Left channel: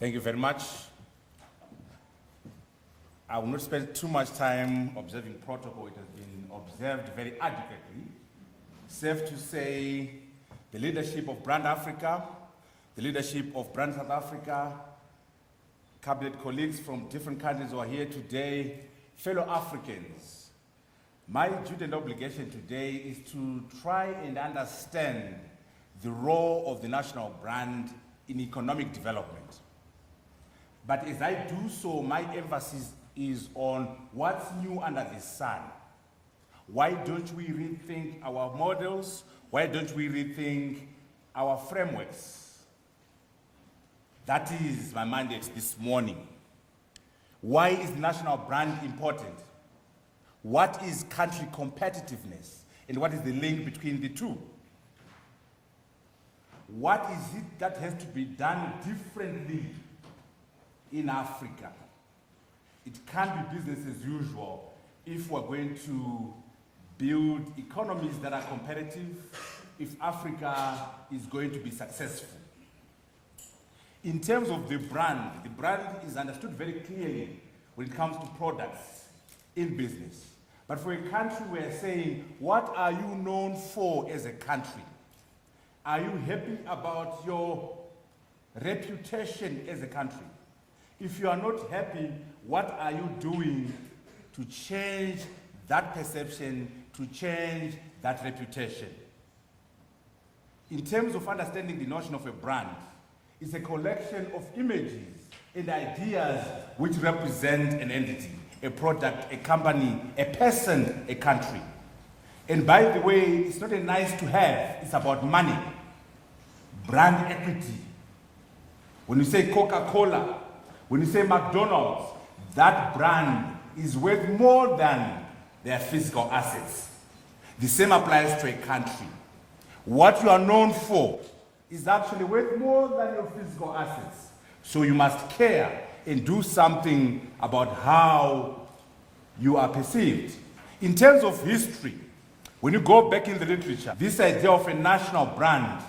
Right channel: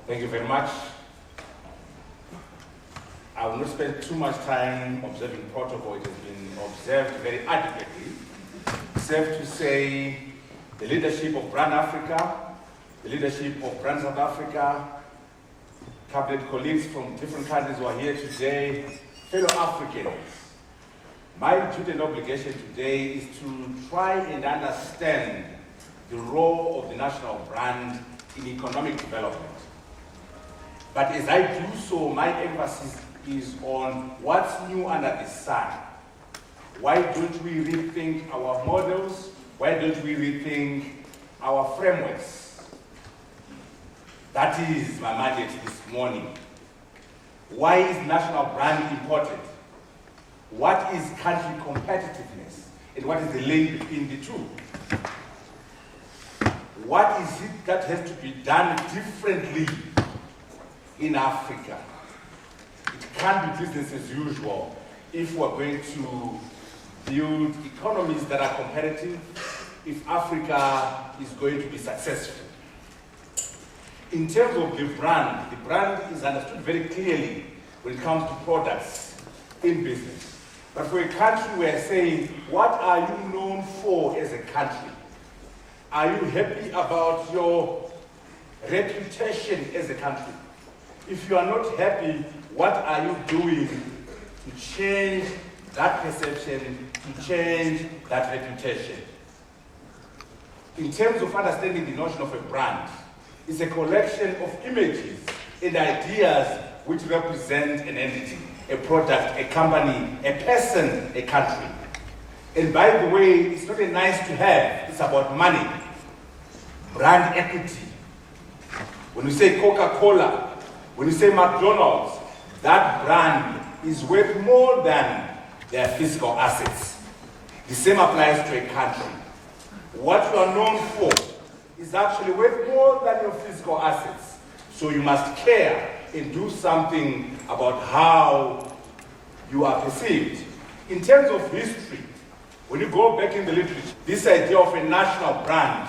Thank you very much. I will not spend too much time observing protocol. It has been observed very adequately. Safe to say, the leadership of Brand Africa, the leadership of Brand South Africa, cabinet colleagues from different countries who are here today, fellow Africans. My duty and obligation today is to try and understand the role of the national brand in economic development. But as I do so, my emphasis is on what's new under the sun. Why don't we rethink our models? Why don't we rethink our frameworks? That is my mandate this morning. Why is national brand important? What is country competitiveness? And what is the link between the two? What is it that has to be done differently in Africa? It can't be business as usual if we're going to build economies that are competitive, if Africa is going to be successful. In terms of the brand is understood very clearly when it comes to products in business. But for a country, we are saying, what are you known for as a country? Are you happy about your reputation as a country? If you are not happy, what are you doing to change that perception, to change that reputation? In terms of understanding the notion of a brand, it's a collection of images and ideas which represent an entity, a product, a company, a person, a country. And by the way, it's not nice to have, it's about money. Brand equity. When we say Coca-Cola, when we say McDonald's, that brand is worth more than their physical assets. The same applies to a country. What you are known for is actually worth more than your physical assets. So you must care and do something about how you are perceived. In terms of history, when you go back into the literature, this idea of a national brand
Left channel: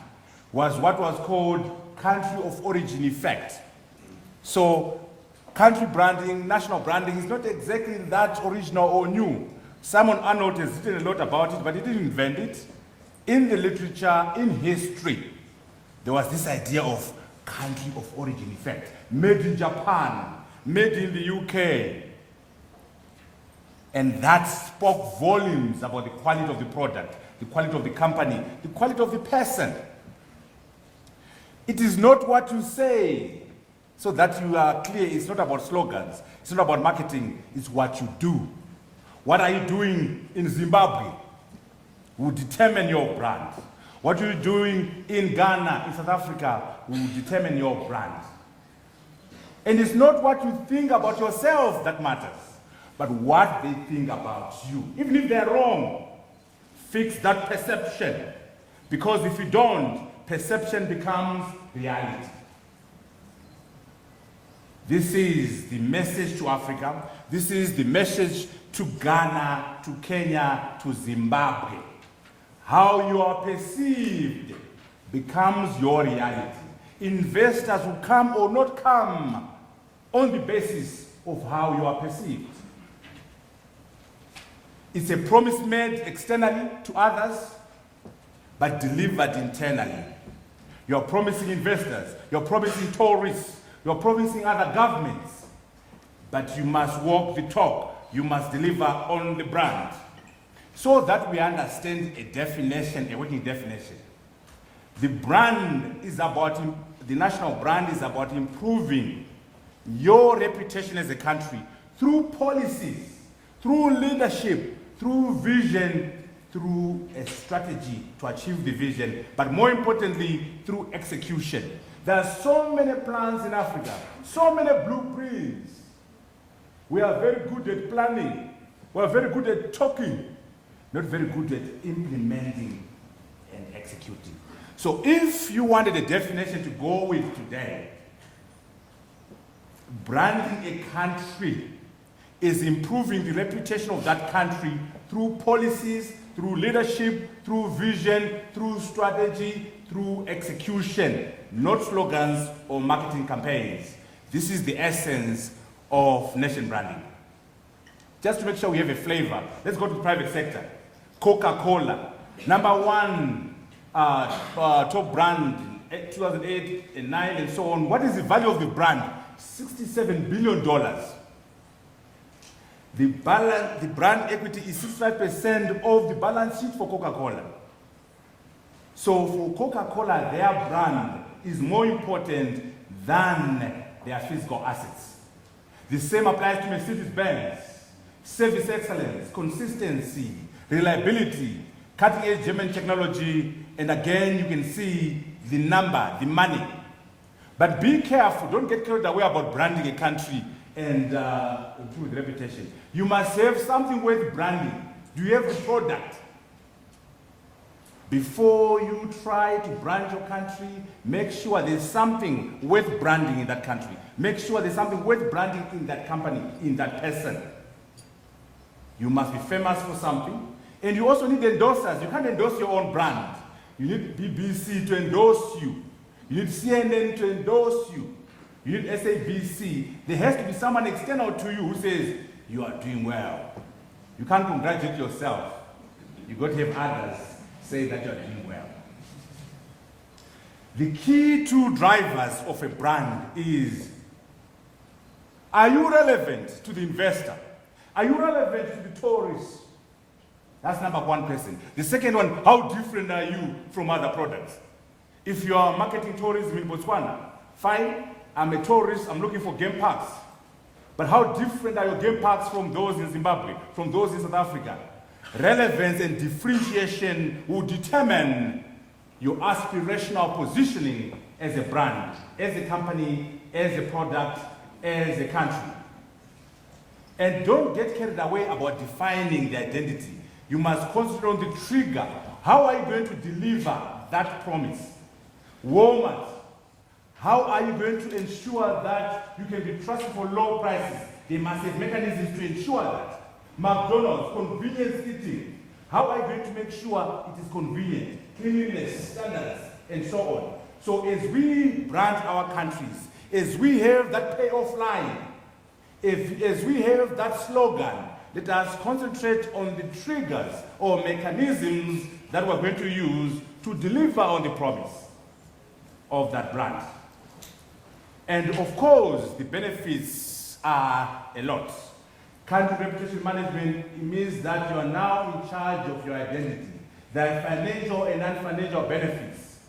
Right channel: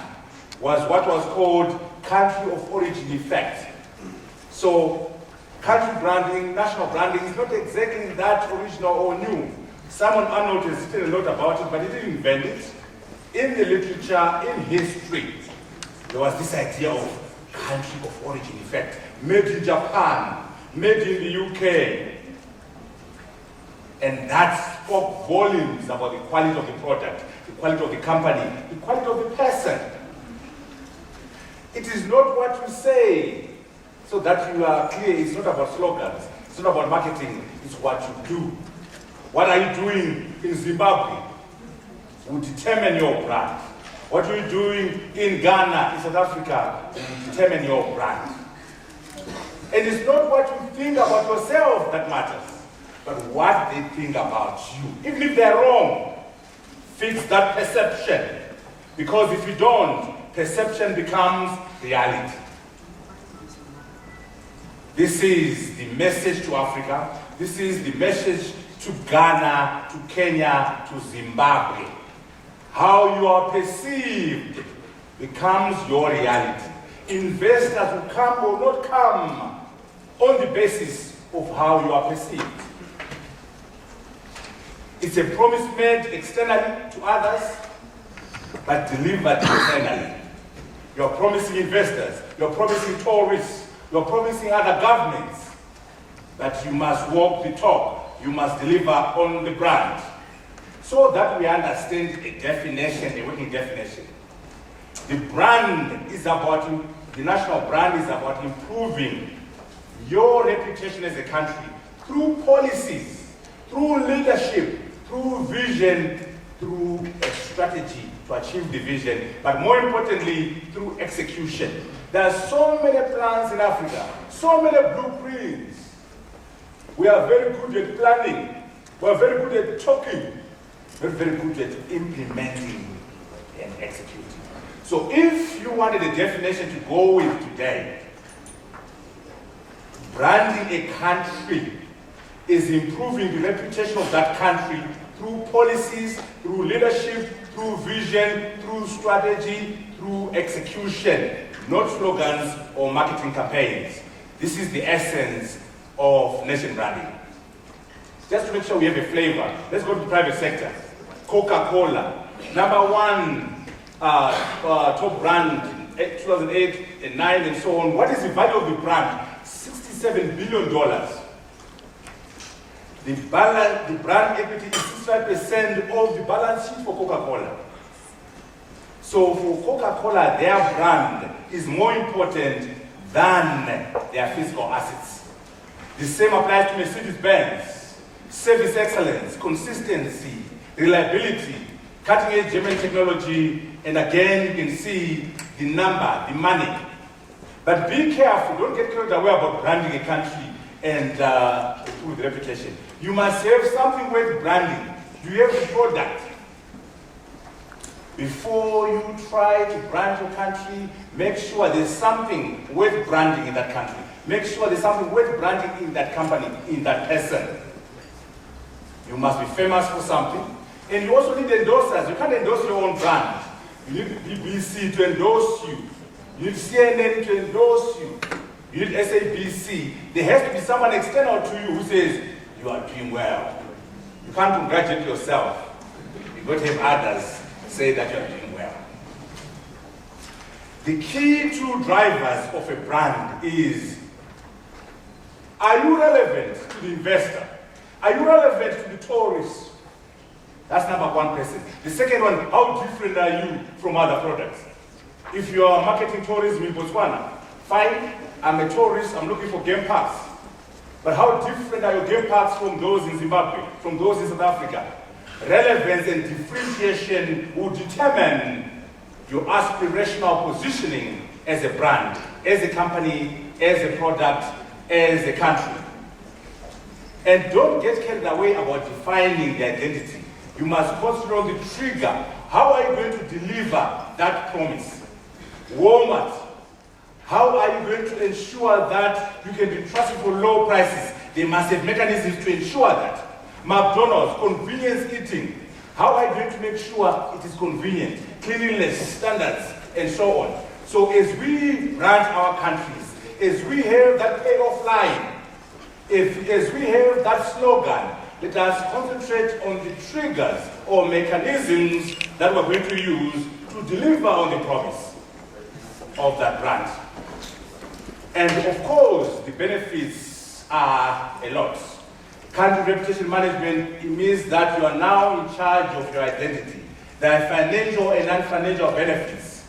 was what was called country of origin effect. So country branding, national branding is not exactly that original or new. Simon Arnold has still a lot about it, but he didn't invent it. In the literature, in history, there was this idea of country of origin effect. Made in Japan, made in the UK. And that spoke volumes about the quality of the product, the quality of the company, the quality of the person. It is not what you say, so that you are clear. It's not about slogans, it's not about marketing, it's what you do. What are you doing in Zimbabwe will determine your brand. What are you doing in Ghana, in South Africa, will determine your brand. And it's not what you think about yourself that matters, but what they think about you. Even if they're wrong, fix that perception. Because if you don't, perception becomes reality. This is the message to Africa. This is the message to Ghana, to Kenya, to Zimbabwe. How you are perceived becomes your reality. Investors will come or not come on the basis of how you are perceived. It's a promise made externally to others, but delivered internally. You're promising investors, you're promising tourists, you're promising other governments, but you must walk the talk, you must deliver on the brand. So that we understand a definition, a working definition. The brand is about, the national brand is about improving your reputation as a country through policies, through leadership, through vision, through a strategy to achieve the vision, but more importantly, through execution. There are so many plans in Africa, so many blueprints. We are very good at planning, we are very good at talking, not very good at implementing and executing. So if you wanted a definition to go with today, branding a country is improving the reputation of that country through policies, through leadership, through vision, through strategy, through execution, not slogans or marketing campaigns. This is the essence of nation branding. Just to make sure we have a flavor. Let's go to private sector. Coca-Cola, number one top brand, 2008 and 9 and so on. What is the value of the brand? $67 billion. The brand equity is 65% of the balance sheet for Coca-Cola. So for Coca-Cola, their brand is more important than their physical assets. The same applies to Mercedes-Benz. Service excellence, consistency, reliability, cutting-edge technology, and again you can see the number, the money. But be careful, don't get carried away about branding a country and with reputation. You must have something with branding. You have a product. Before you try to brand your country, make sure there's something with branding in that country. Make sure there's something with branding in that company, in that person. You must be famous for something. And you also need endorsers. You can't endorse your own brand. You need BBC to endorse you. You need CNN to endorse you. You need SABC. There has to be someone external to you who says, you are doing well. You can't congratulate yourself. You've got to have others say that you're doing well. The key two drivers of a brand is, are you relevant to the investor? Are you relevant to the tourist? That's number one question. The second one, how different are you from other products? If you are marketing tourism in Botswana, fine, I'm a tourist, I'm looking for game pass. But how different are your game pass from those in Zimbabwe, from those in South Africa? Relevance and differentiation will determine your aspirational positioning as a brand, as a company, as a product, as a country. And don't get carried away about defining the identity. You must concentrate on the trigger. How are you going to deliver that promise? Walmart, how are you going to ensure that you can be trusted for low prices? They must have mechanisms to ensure that. McDonald's, convenience eating. How are you going to make sure it is convenient? Cleanliness, standards, and so on. So as we brand our countries, as we have that air of line, as we have that slogan, let us concentrate on the triggers or mechanisms that we're going to use to deliver on the promise of that brand. And of course, the benefits are a lot. Country reputation management, it means that you are now in charge of your identity. There are financial and non-financial benefits.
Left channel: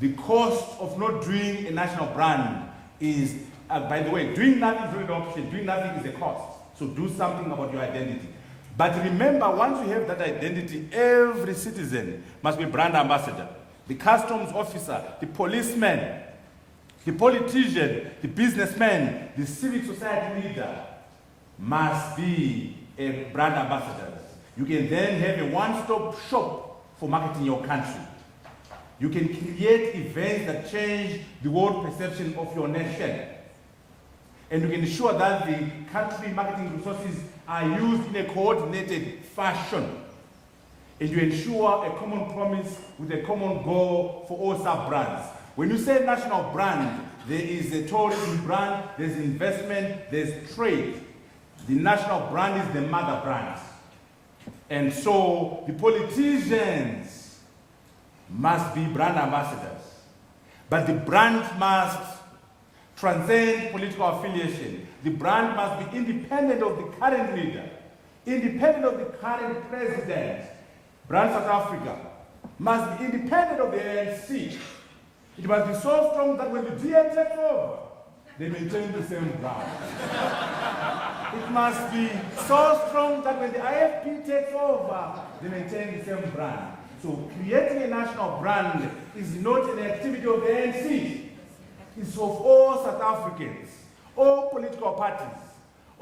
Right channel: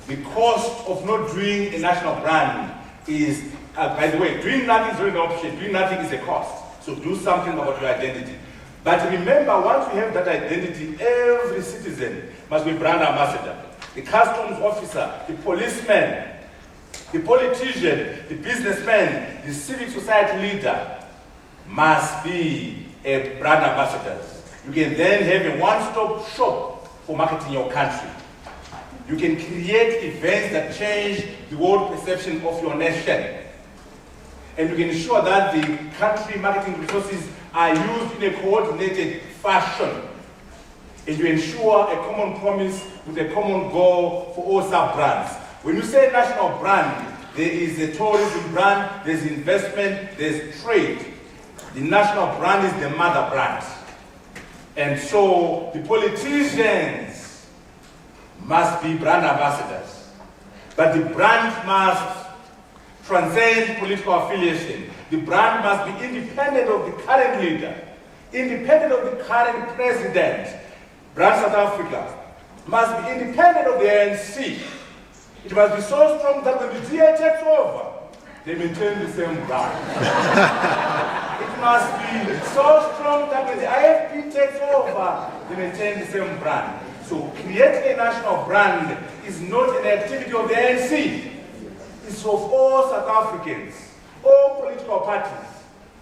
The cost of not doing a national brand is, by the way, doing nothing is very option. Doing nothing is a cost. So do something about your identity. But remember, once you have that identity, every citizen must be brand ambassador. The customs officer, the policeman, the politician, the businessman, the civil society leader must be a brand ambassador. You can then have a one-stop shop for marketing your country. You can create events that change the world perception of your nation. And we ensure that the country marketing resources are used in a coordinated fashion. And to ensure a common promise with a common goal for all sub-brands. When you say national brand, there is a tourism brand, there is investment, there is trade. The national brand is the mother brand. And so the politicians must be brand ambassadors. But the brand must transcend political affiliation. The brand must be independent of the current leader, independent of the current president. Brand South Africa must be independent of the ANC. It must be so strong that when the DA takes over, they maintain the same brand. It must be so strong that when the IFP takes over, they maintain the same brand. So creating a national brand is not an activity of the ANC. It is for all South Africans, all political parties,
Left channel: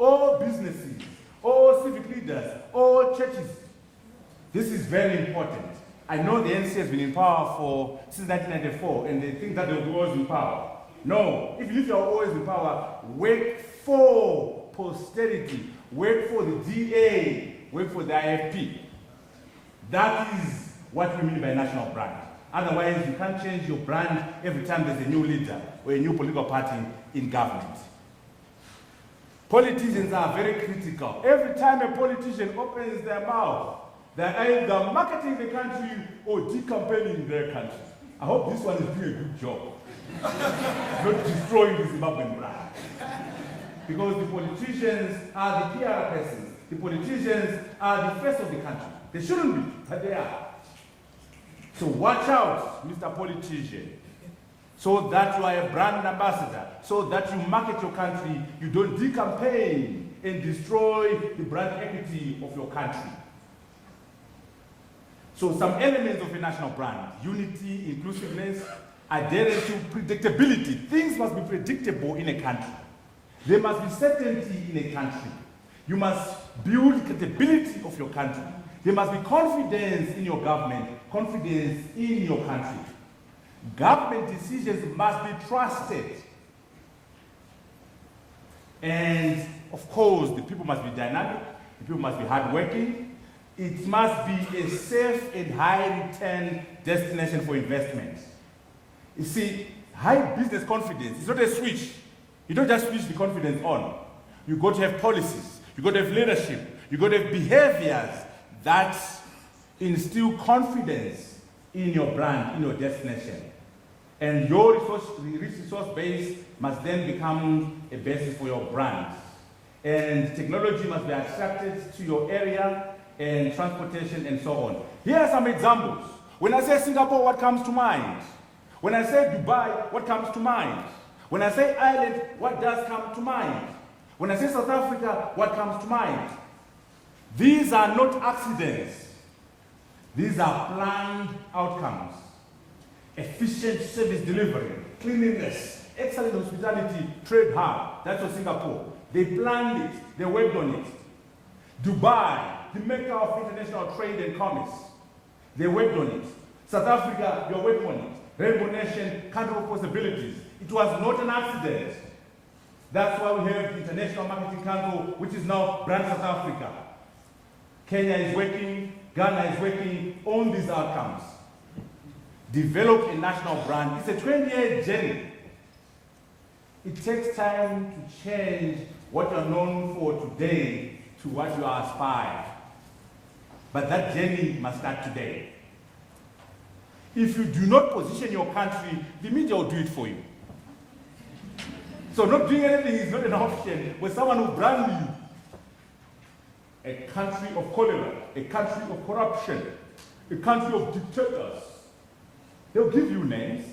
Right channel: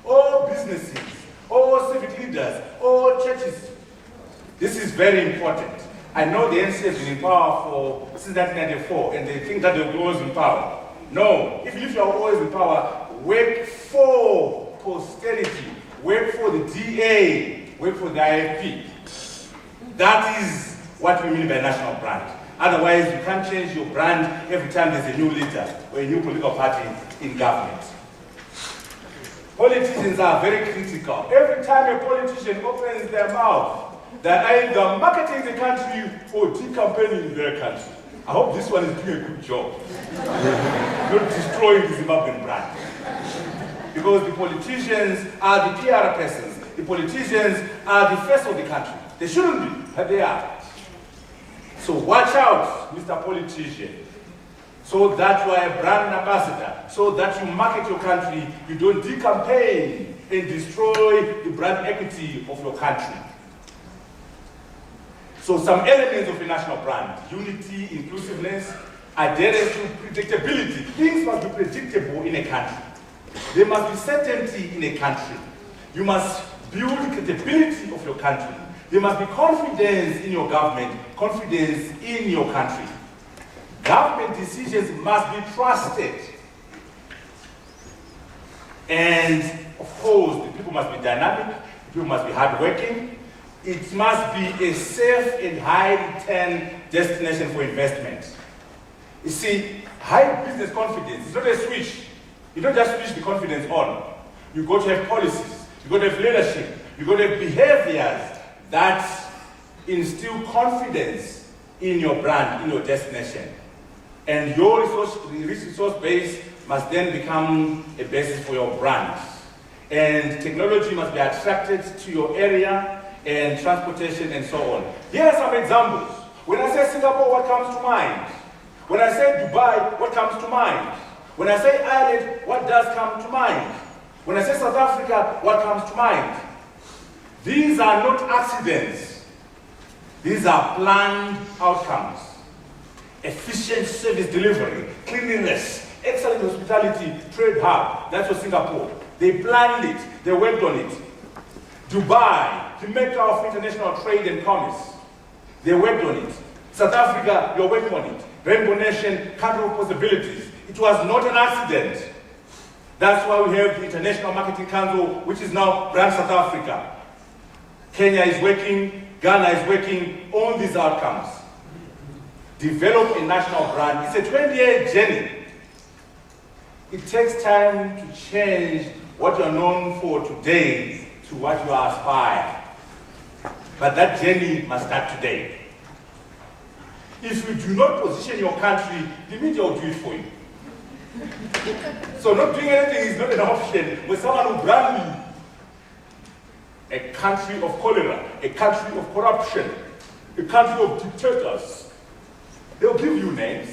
all businesses, all civic leaders, all churches. This is very important. I know the ANC has been in power for since 1994, and they think that they will always be in power. No, if you are always in power, work for posterity, work for the DA, work for the IFP. That is what we mean by national brand. Otherwise, you can't change your brand every time there's a new leader or a new political party in government. Politicians are very critical. Every time a politician opens their mouth, they're either marketing the country or campaigning their country. I hope this one is doing a good job. Not destroying the Zimbabwean brand. Because the politicians are the PR persons. The politicians are the face of the country. They shouldn't be, but they are. So watch out, Mr. Politician. So that you are a brand ambassador. So that you market your country, you don't de-campaign and destroy the brand equity of your country. So some elements of the national brand: unity, inclusiveness, identity, predictability. Things must be predictable in a country. There must be certainty in a country. You must build credibility of your country. There must be confidence in your government, confidence in your country. Government decisions must be trusted. And of course, people must be dynamic, people must be hardworking. It must be a safe and high-return destination for investment. You see, high business confidence is not a switch. You don't just switch confidence on. You've got to have policies, you've got to have leadership, you've got to have behaviors that instill confidence in your brand, in your destination. And your resource base must then become a basis for your brand. And technology must be attracted to your area, and transportation and so on. Here are some examples. When I say Singapore, what comes to mind? When I say Dubai, what comes to mind? When I say Ireland, what does come to mind? When I say South Africa, what comes to mind? These are not accidents. These are planned outcomes. Efficient service delivery, cleanliness, excellent hospitality, trade hub. That's what Singapore. They planned it, they worked on it. Dubai, the maker of international trade and commerce. They worked on it. South Africa, you're working on it. Rainbow Nation, country of possibilities. It was not an accident. That's why we have the International Marketing Council, which is now Brand South Africa. Kenya is working, Ghana is working, all these outcomes. Develop a national brand. It's a 20-year journey. It takes time to change what you're known for today to what you aspire. But that journey must start today. If you do not position your country, the media will do it for you. So not doing anything is not an option with someone who brand you. A country of cholera, a country of corruption, a country of dictators. They'll give you names.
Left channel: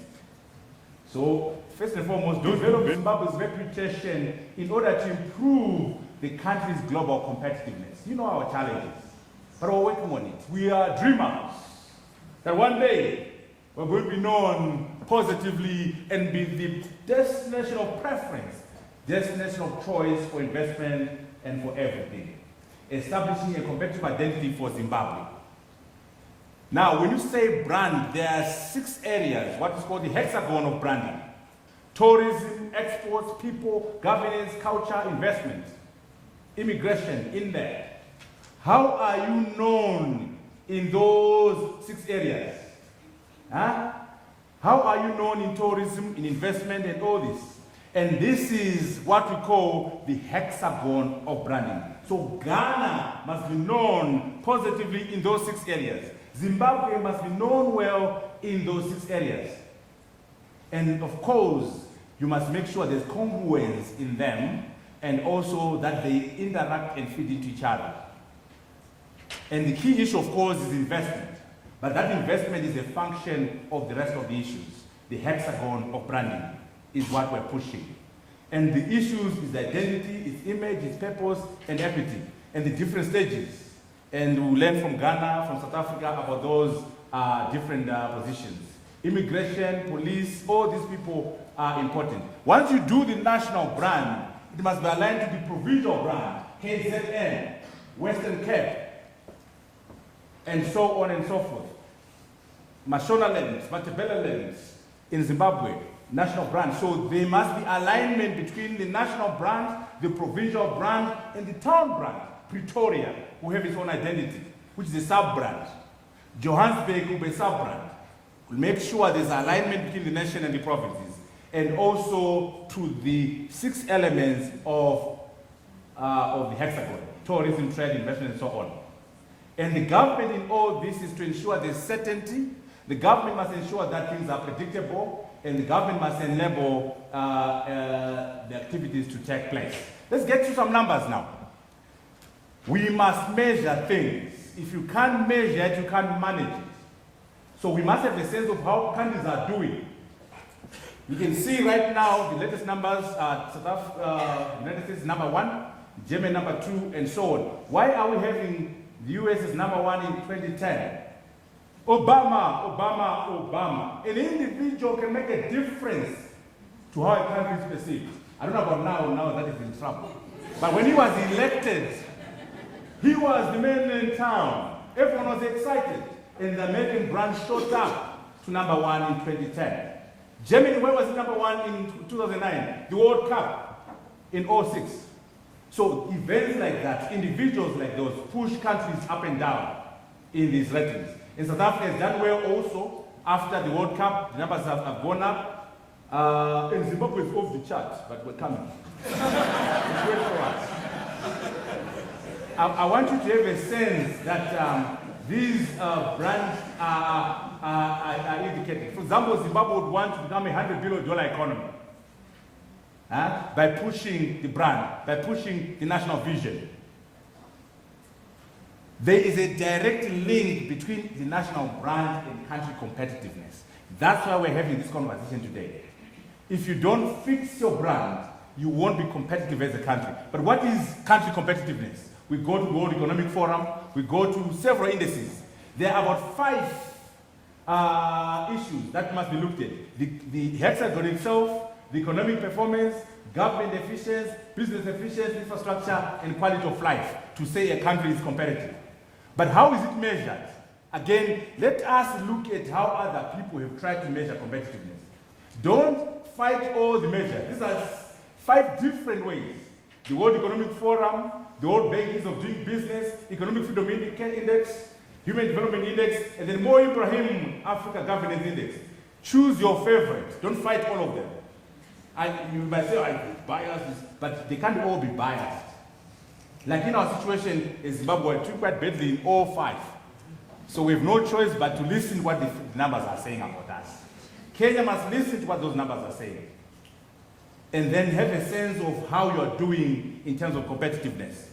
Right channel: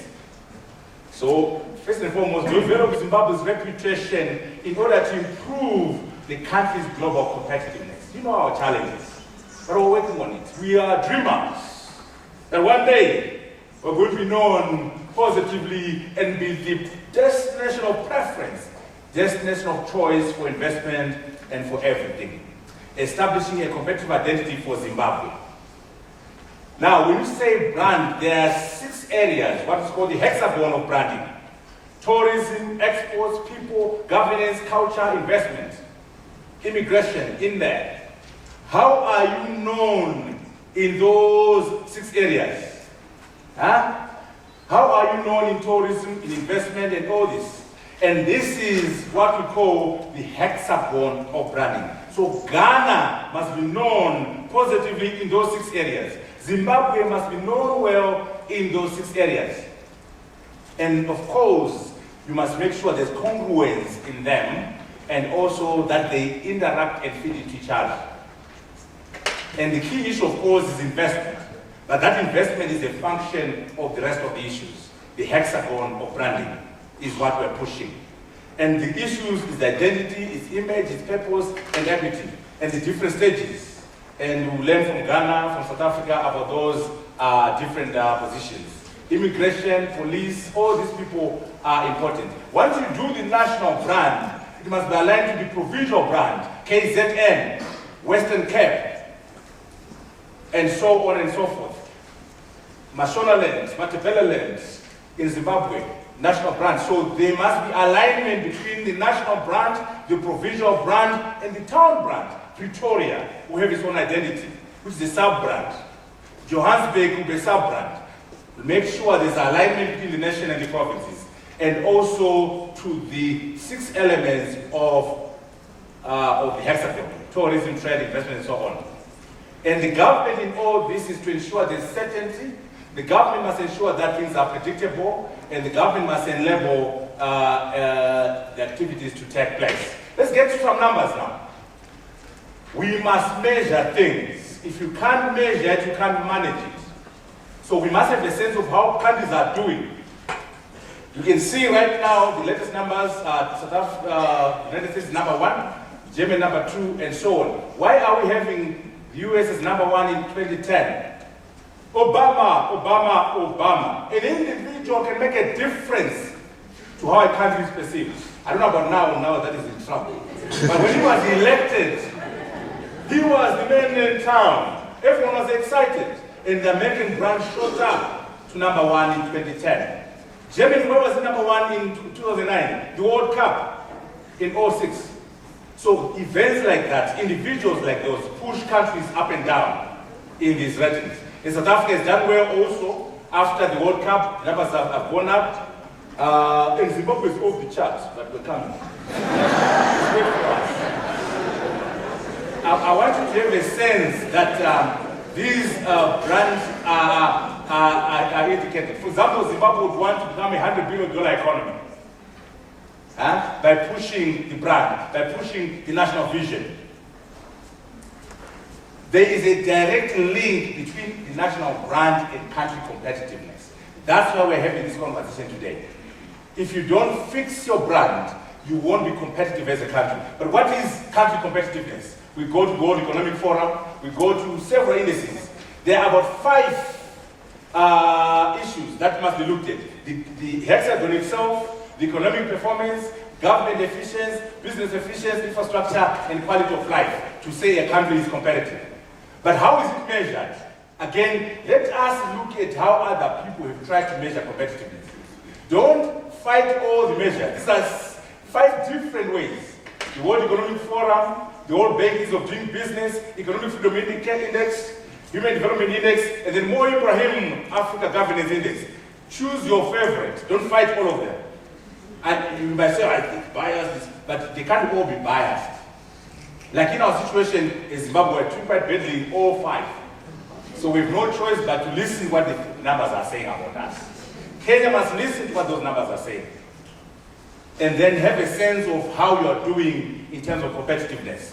So, first and foremost, we develop Zimbabwe's reputation in order to improve the country's global competitiveness. You know our challenges, but we're working on it. We are dreamers that one day we're going to be known positively and be the destination of preference, destination of choice for investment and for everything, establishing a competitive identity for Zimbabwe. Now, when you say brand, there are 6 areas, what's called the hexagon of branding: tourism, exports, people, governance, culture, investment, immigration in there. How are you known in those 6 areas? Huh? How are you known in tourism, investment, and all this? And this is what we call the hexagon of branding. So Ghana must be known positively in those 6 areas. Zimbabwe must be known well in those 6 areas. And of course, you must make sure there's congruence in them, and also that they interact and feed each other. And the key issue, of course, is investment. But that investment is a function of the rest of the issues. The hexagon of branding is what we're pushing. And the issues is identity, its image, its purpose, and everything. And it's different stages. And we learn from Ghana, from South Africa, about those different positions. Immigration, police, all these people are important. Once you do the national brand, it must be aligned to the provincial brand, KZN, Western Cape, and so on and so forth. Mashonaland, Mutambara in Zimbabwe, national brand. So there must be alignment between the national brand, the provincial brand, and the town brand. Victoria, who have its own identity, which is a sub-brand. Johannesburg will be a sub-brand. make sure there's alignment between the national and provinces, and also to the 6 elements of hexagon, tourism, trade, investment, and so on. And the government in all this is to ensure the certainty. The government must ensure that things are predictable, and the government must enable the activities to take place. Let's get to some numbers now. We must measure things. If you can't measure it, you can't manage it. So we must have a sense of how countries are doing. You can see right now the latest numbers are South Africa, United States number 1, Germany number 2, and so on. Why are we having the US as number 1 in 2010? Obama. An individual can make a difference to how a country is perceived. I don't know about now that is in trouble. But when he was elected, he was really in town. Everyone was excited. And the American brand showed up to number 1 in 2010. Germany was number 1 in 2009, the World Cup in 2006. So events like that, individuals like those, push countries up and down in these regions. In South Africa is that way also. After the World Cup, numbers have gone up. In Zimbabwe is off the charts, but at the time. I want to give a sense that these brands are indicated. For example, Zimbabwe would want to become a $100 billion economy by pushing the brand, by pushing the national vision. There is a direct link between the national brand and country competitiveness. That's why we're having this conversation today. If you don't fix your brand, you won't be competitive as a country. But what is country competitiveness? We go to the World Economic Forum, we go to several indices. There are about 5 issues that must be looked at. The hexagon itself, the economic performance, government efficiency, business efficiency, infrastructure, and quality of life to say a country is competitive. But how is it measured? Again, let us look at how other people have tried to measure competitiveness. Don't fight all the measures. These are 5 different ways. The World Economic Forum, the World Bankings of Doing Business, Economic Freedom Index, Human Development Index, and the Mo Ibrahim Africa Governance Index. Choose your favorite. Don't fight all of them. And you might say, I think biased, but they can't all be biased. Like in our situation in Zimbabwe, we took quite badly all 5. So we have no choice but to listen what the numbers are saying about us. Kenya must listen what those numbers are saying. And then have a sense of how you are doing in terms of competitiveness.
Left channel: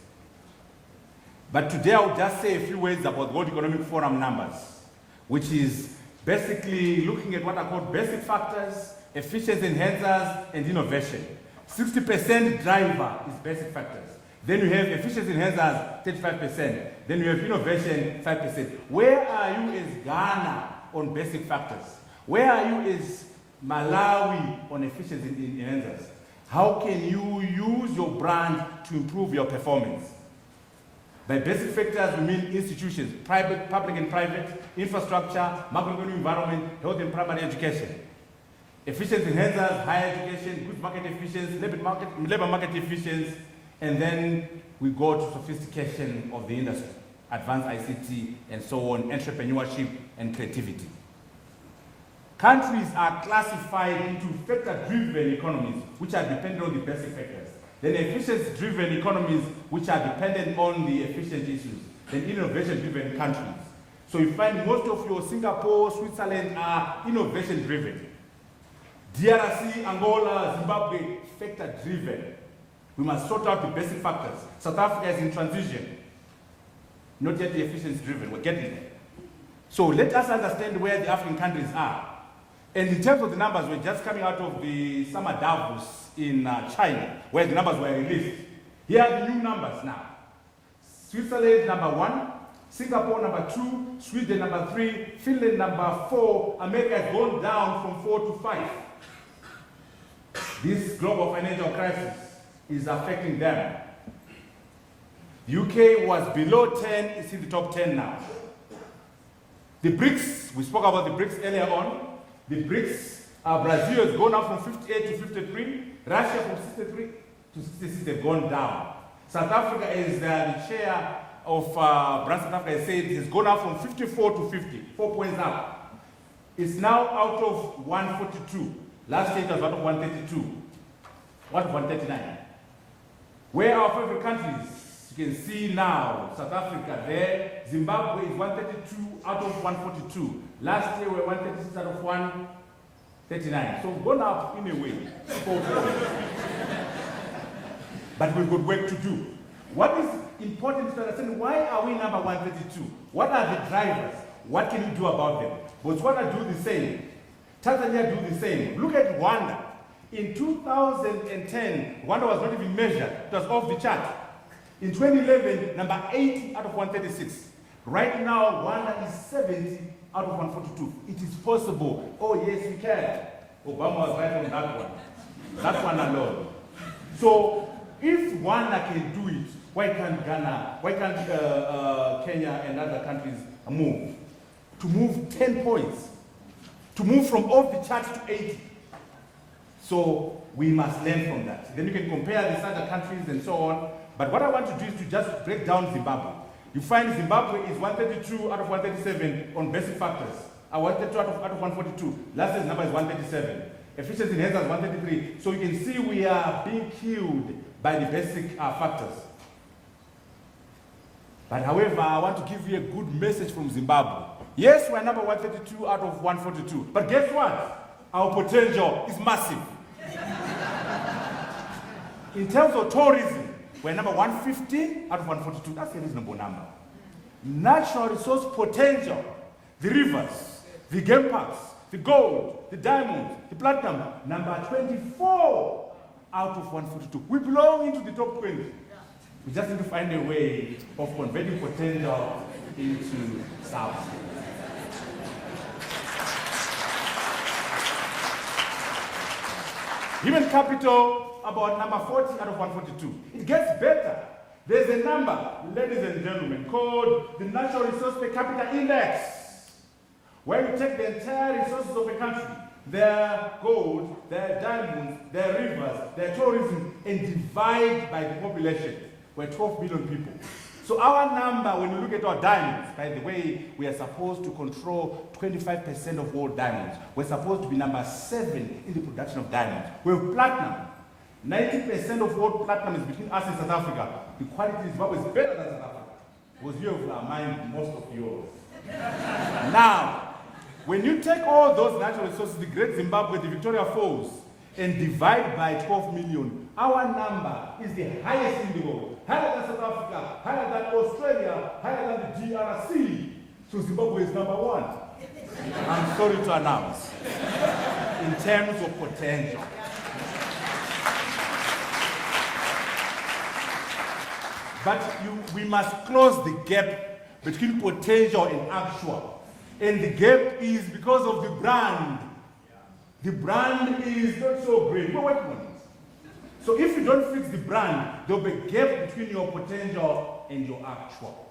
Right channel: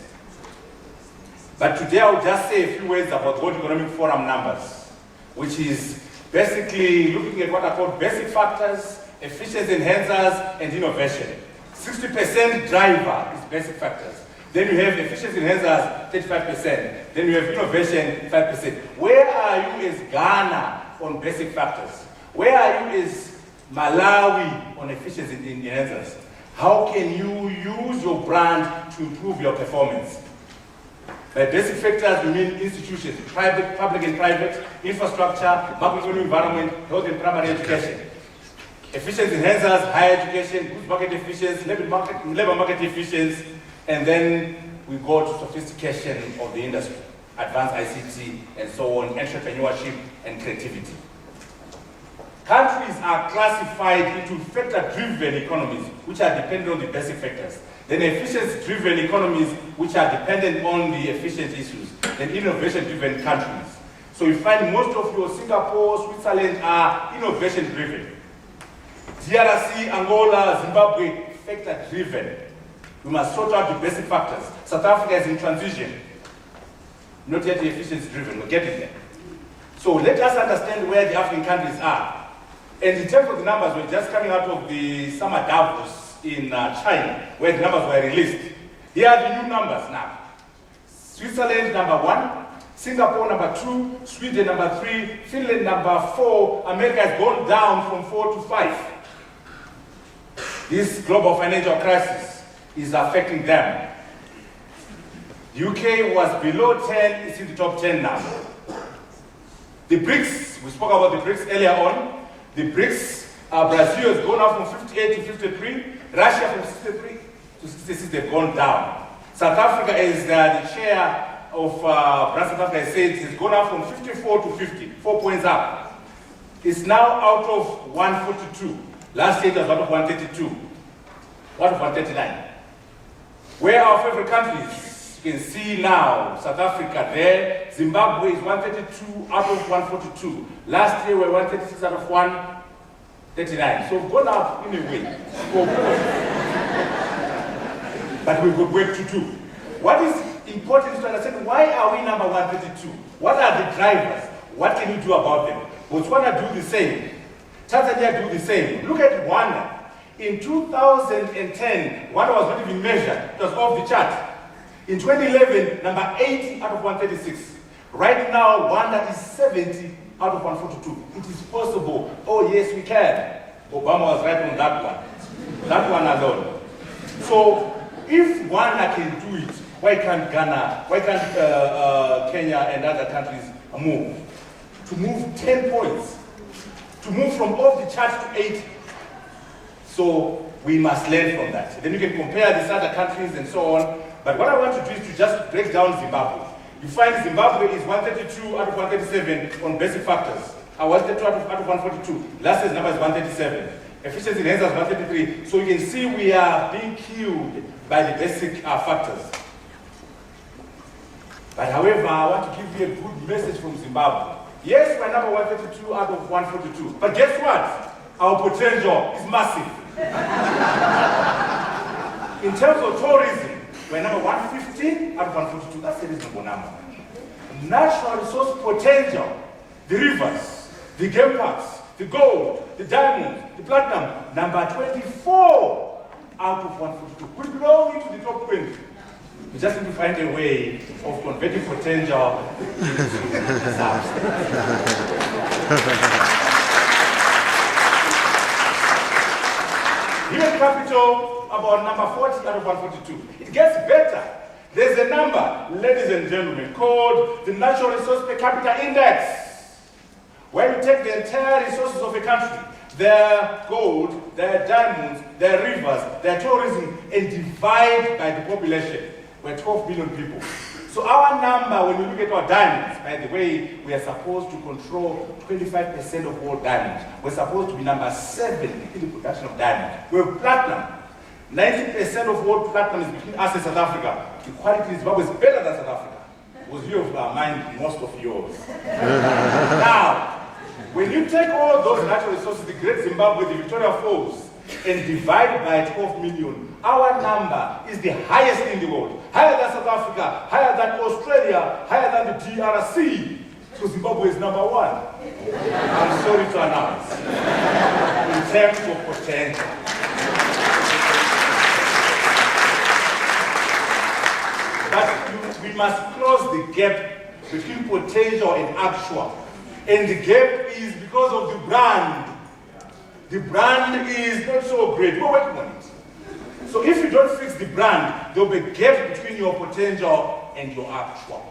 But today I will just say a few words about the World Economic Forum numbers, which is basically looking at what are called basic factors, efficiency enhancers, and innovation. 60% driver is basic factors. Then we have efficiency enhancers, 35%. Then we have innovation, 5%. Where are you as Ghana on basic factors? Where are you as Malawi on efficiency enhancers? How can you use your brand to improve your performance? By basic factors mean institutions, private, public and private, infrastructure, public environment, health and primary education. Efficiency enhancers, higher education, market efficiency, labor market efficiency, and then we go to sophistication of the industry, advanced ICT, and so on, entrepreneurship and creativity. Countries are classified into factor-driven economies, which are dependent on the basic factors. Then efficiency-driven economies, which are dependent on the efficient issues, and innovation-driven countries. So you find most of your Singapore, Switzerland are innovation-driven. DRC, Angola, Zimbabwe, factor-driven. We must sort out the basic factors. South Africa is in transition, not yet efficiency-driven, getting there. So let us understand where the African countries are. And in terms of the numbers, we're just coming out of the summer Davos in China, where the numbers were released. Here are the new numbers now. Switzerland number 1, Singapore number 2, Sweden number 3, Finland number 4, America has gone down from 4 to 5. This global financial crisis is affecting them. UK was below 10, it's in top 10 now. The BRICS, we spoke about the BRICS earlier on. The BRICS, Brazil has gone up from 58 to 53, Russia from 63 to 66, they've gone down. South Africa is the share of South Africa said it's gone up from 54 to 50, 4 points up. is now out of 142. Last year it was out of 132. Out of 139. Where our favorite countries, you can see now, South Africa there, Zimbabwe is 132 out of 142. Last year we were 136 out of 139. So what are we doing? But we were going to do. What is important to understand, why are we number 132? What are the drivers? What can we do about them? Botswana do the same. Tanzania do the same. Look at Rwanda. In 2010, Rwanda was going to be measured. It was off the chart. In 2011, number 8 out of 136. Right now, Rwanda is 70 out of 142. It is possible. Oh yes, we can. Obama was right on that one. That one alone. So, if Rwanda can do it, why can't Ghana, why can't Kenya and other countries move? To move 10 points. To move from off the chart to 8. So we must learn from that. And then we can compare these other countries and so on. But what I want to do is to just break down Zimbabwe. You find Zimbabwe is 132 out of 137 on basic factors. Our 132 out of 142. Last year's number is 137. Efficiency index is 133. So you can see we are being killed by the basic factors. But however, I want to give you a good message to Zimbabwe. Yes, we're not 132 out of 142. But guess what? Our potential is massive. In terms of tourism, we're number 115 out of 142. That's the number one. National resource potential, the rivers, the campus, the gold, the diamond, the platinum, number 24 out of 142. We belong into the top 20. We just need to find a way of converting potential into size. Human capital, about number 40 out of 142. It gets better. There's a number, ladies and gentlemen, called the National Resource Per Capita Index, where you take the entire resources of a country, their gold, their diamonds, their rivers, their tourism, and divide by the population. We're 12 million people. So our number, when we look at our diamonds, by the way, we are supposed to control 25% of all diamonds. We're supposed to be number 7 in the production of diamonds. We're platinum. 90% of all platinum is between us and South Africa. The quality is always better than South Africa. Because you have mined most of yours. Now, when you take all those natural resources, the Great Zimbabwe, the Victoria Falls, and divide by 12 million, our number is the highest in the world. Higher than South Africa, higher than Australia, higher than the DRC. So Zimbabwe is number 1. I'm sorry to announce. In terms of potential. But we must close the gap between potential and actual. And the gap is because of the brand. The brand is not so great. So if you don't fix the brand, there will be a gap between your potential and your actual.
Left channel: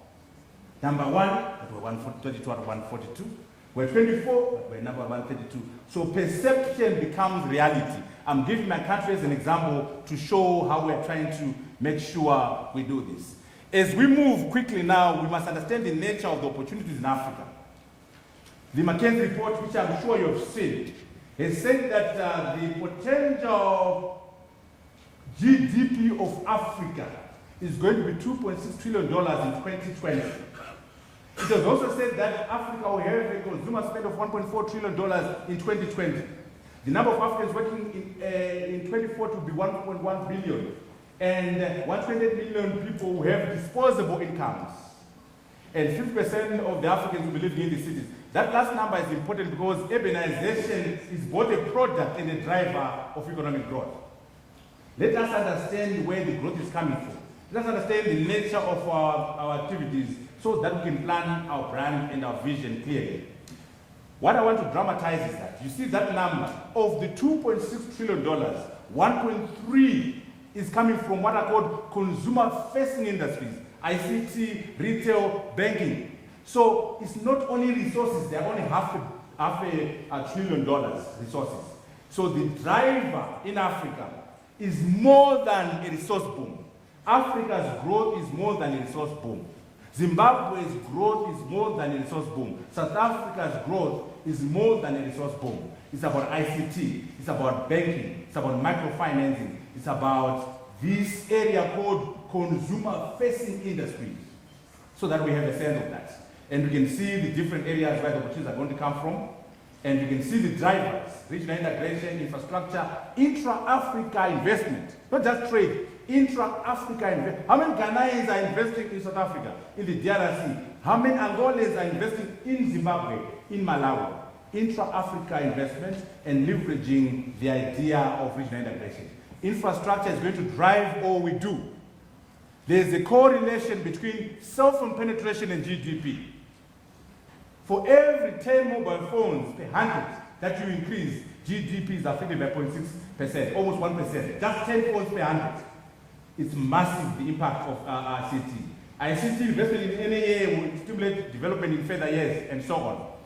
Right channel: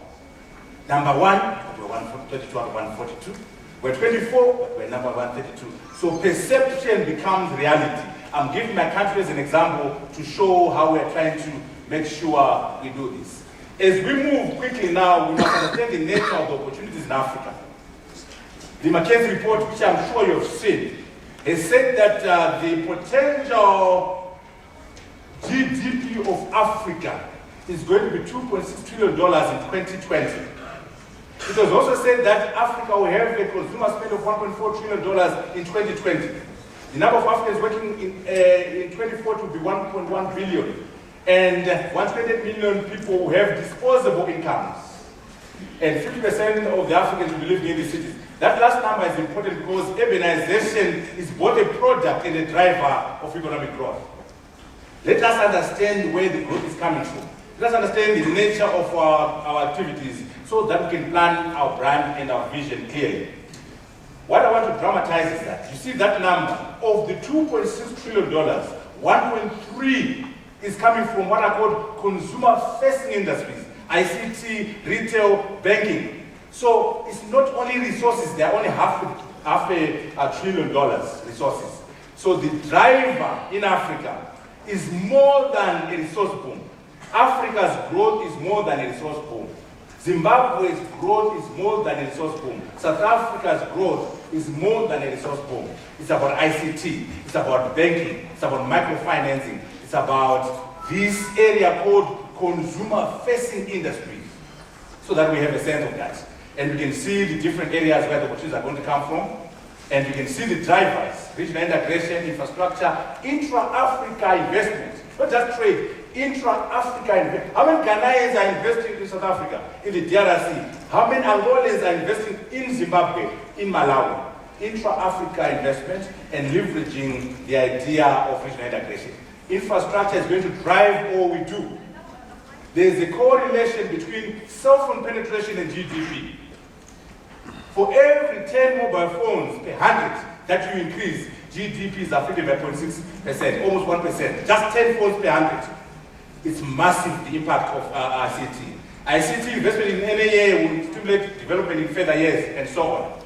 Number 1, we're 142, 142. We're 24, we're number 132. So perception becomes reality. I'm giving my country as an example to show how we're trying to make sure we do this. As we move quickly now, we must understand the nature of the opportunities in Africa. The McKinsey report, which I'm sure you've seen, they said that the potential GDP of Africa is going to be $2.6 trillion in 2020. It was also said that Africa will have a consumer spend of $1.4 trillion in 2020. The number of Africans working in 2040 will be 1.1 billion. And 100 million people will have disposable incomes. And 50% of the Africans will live in the cities. That last number is important because urbanization is both a product and a driver of economic growth. Let us understand where the growth is coming from. Let us understand the nature of our activities so that we can plan our brand and our vision clearly. What I want to dramatize is that you see that number of the $2.6 trillion, 1.3 is coming from what I call consumer-facing industries, ICT, retail, banking. So it's not only resources, they're only half $1 trillion resources. So the driver in Africa is more than a resource boom. Africa's growth is more than a resource boom. Zimbabwe's growth is more than a source boom. South Africa's growth is more than a source boom. It's about ICT, it's about banking, it's about microfinancing, it's about this area called consumer-facing industries, so that we have a sense of that. And we can see the different areas where the opportunities are going to come from, and we can see the drivers, regional integration, infrastructure, intra-Africa investment. Not just trade, intra-Africa investment. How many Ghanaians are investing in South Africa, in the DRC? How many Angolans are investing in Zimbabwe, in Malawi? Intra-Africa investment and leveraging the idea of regional integration. Infrastructure is going to drive all we do. There is a correlation between cell phone penetration and GDP. For every 10 mobile phones, 100 that you increase, GDP is up 3.6%, almost 1%. Just 10 phones per 100. It's massive, the impact of ICT. ICT investment in any year will stimulate development in further years, and so on.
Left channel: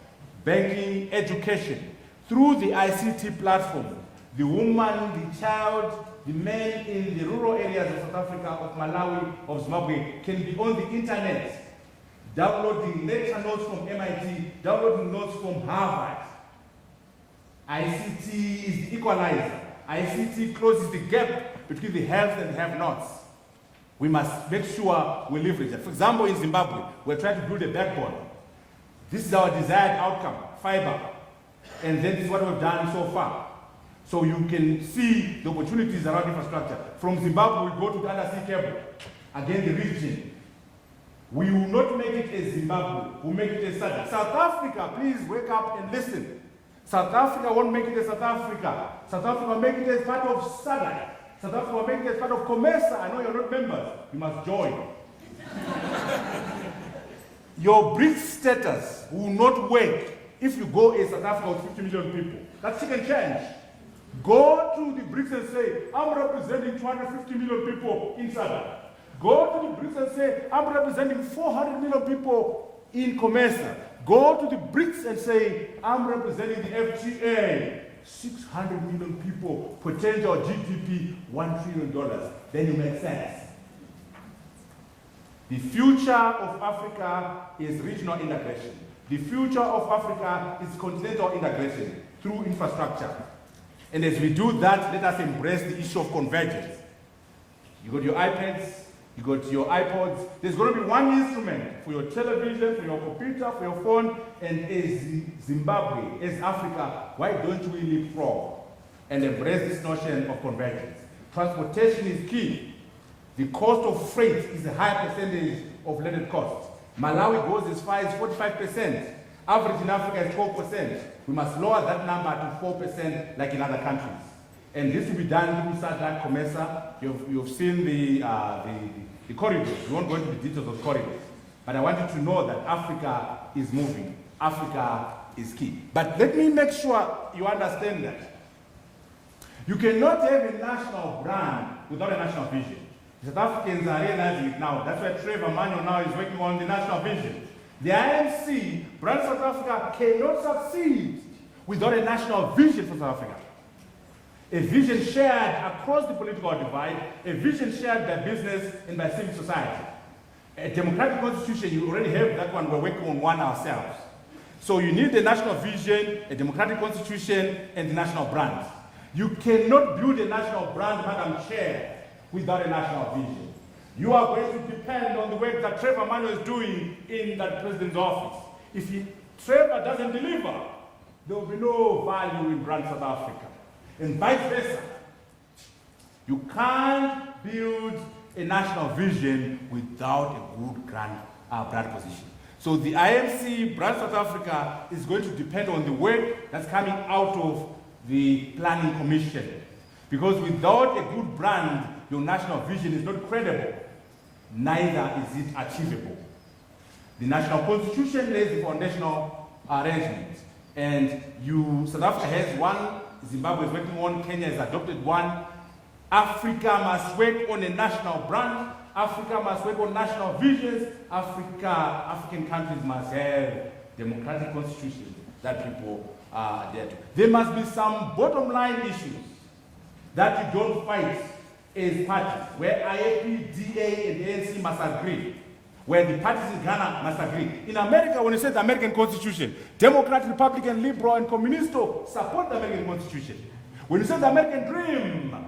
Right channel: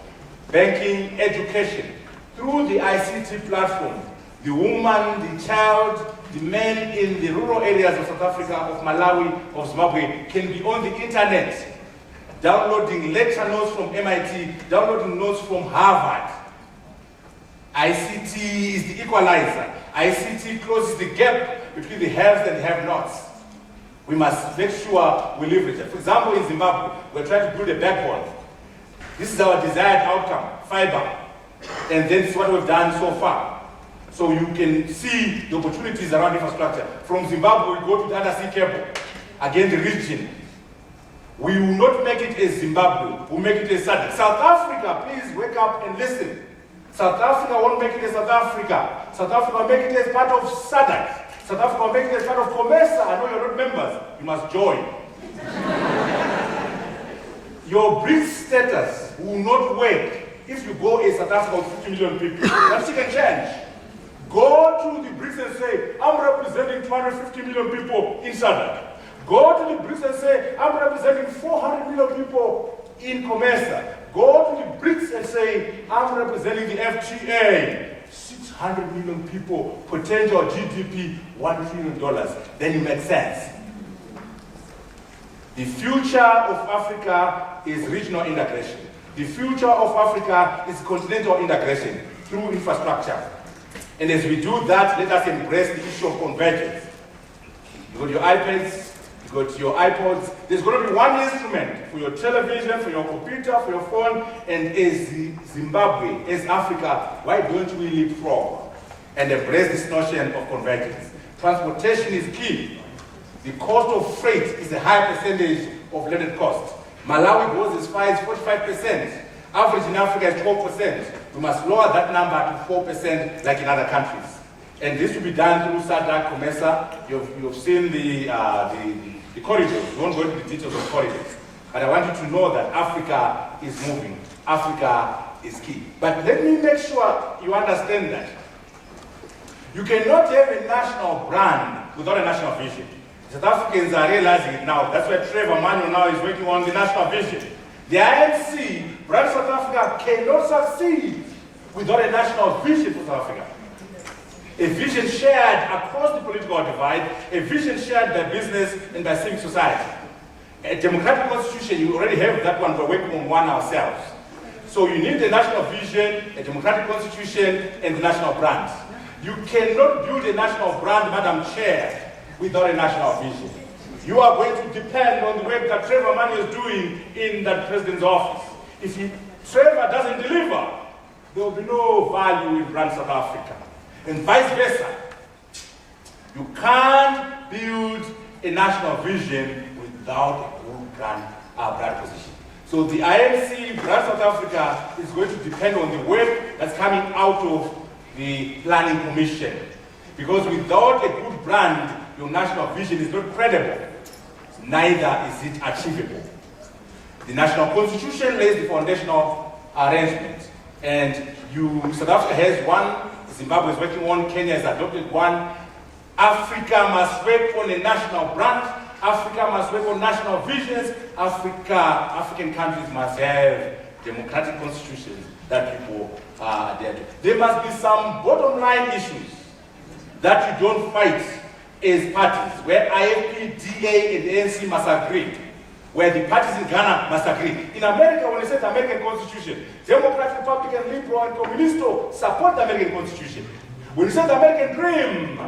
Banking, education. Through the ICT platform, the woman, the child, the men in the rural areas of South Africa, of Malawi, of Zimbabwe can be on the internet, downloading lecture notes from MIT, downloading notes from Harvard. ICT is the equalizer. ICT closes the gap between the haves and have-nots. We must make sure we live with it. For example, in Zimbabwe, we're trying to build a backbone. This is our desired outcome, fiber. And that's what we've done so far. So you can see the opportunities around infrastructure. From Zimbabwe, we go to the other sea cable, again the region. We will not make it as Zimbabwe, we will make it as South Africa. Please wake up and listen. South Africa won't make it as South Africa. South Africa will make it as part of SADC. South Africa will make it as part of COMESA. I know you're members. You must join. Your BRICS status will not work if you go as South Africa with 50 million people. That's a change. Go to the BRICS and say, I'm representing 250 million people in SADC. Go to the BRICS and say, I'm representing 400 million people in COMESA. Go to the BRICS and say, I'm representing the FTA. 600 million people, potential GDP, $1 trillion. Then you make sense. The future of Africa is regional integration. The future of Africa is continental integration through infrastructure. And as we do that, let us embrace the issue of convergence. You got your iPads, you got your iPods. There's only one instrument for your television, for your computer, for your phone, and as Zimbabwe, as Africa, why don't we leapfrog and embrace this notion of convergence? Transportation is key. The cost of freight is a high percentage of credit cost. Malawi goes as far as 45%. Average in Africa is 4%. We must lower that number to 4% like in other countries. And this will be done through SADC, COMESA. You've seen the corridors. You won't go into the details of corridors. But I want you to know that Africa is moving. Africa is key. But let me make sure you understand that. You cannot have a national brand without a national vision. The South Africans are realizing it now. That's why Trevor Manuel now is working on the national vision. The IFC, Brand South Africa, cannot succeed without a national vision for South Africa. A vision shared across the political divide, a vision shared by business and by civil society. A democratic constitution, you already have that one, we're working on one ourselves. So you need a national vision, a democratic constitution, and a national brand. You cannot build a national brand, Madam Chair, without a national vision. You are going to depend on the work that Trevor Manuel is doing in that president's office. If Trevor doesn't deliver, there will be no value in Brand South Africa. And vice versa. You can't build a national vision without a good brand position. So the IFC, Brand South Africa, is going to depend on the work that's coming out of the Planning Commission. Because without a good brand, your national vision is not credible. Neither is it achievable. The national constitution lays the foundational arrangements. And South Africa has one, Zimbabwe is working on, Kenya has adopted one. Africa must work on a national brand. Africa must work on national visions. African countries must have democratic constitutions that people are there. There must be some bottom line issues that you don't fight as parties, where IFP, DA, and ANC must agree. where the parties in Ghana must agree. In America, when you say the American Constitution, Democrat, Republican, Liberal, and Communist support the American Constitution. When you say the American dream,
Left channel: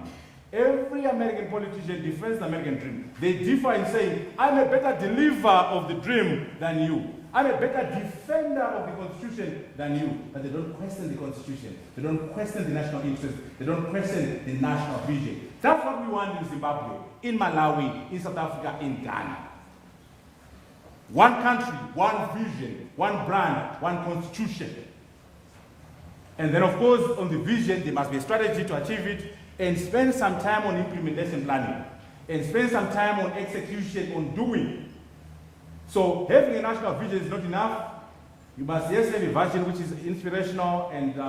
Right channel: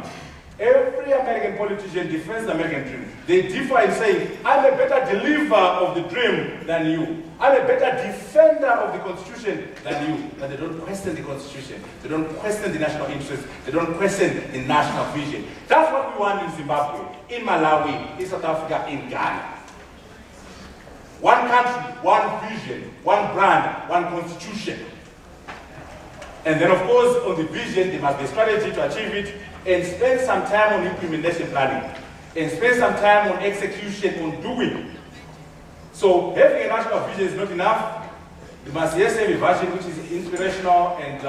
every American politician defends the American dream. They differ and say, I'm a better deliverer of the dream than you. I'm a better defender of the Constitution than you. But they don't question the Constitution. They don't question the national interest. They don't question the national vision. That's what we want in Zimbabwe, in Malawi, in South Africa, in Ghana. One country, one vision, one brand, one constitution. And then of course, on the vision, you must have a strategy to achieve it, and spend some time on implementation planning, and spend some time on execution, on doing. So having a national vision is not enough. You must have a vision which is inspirational and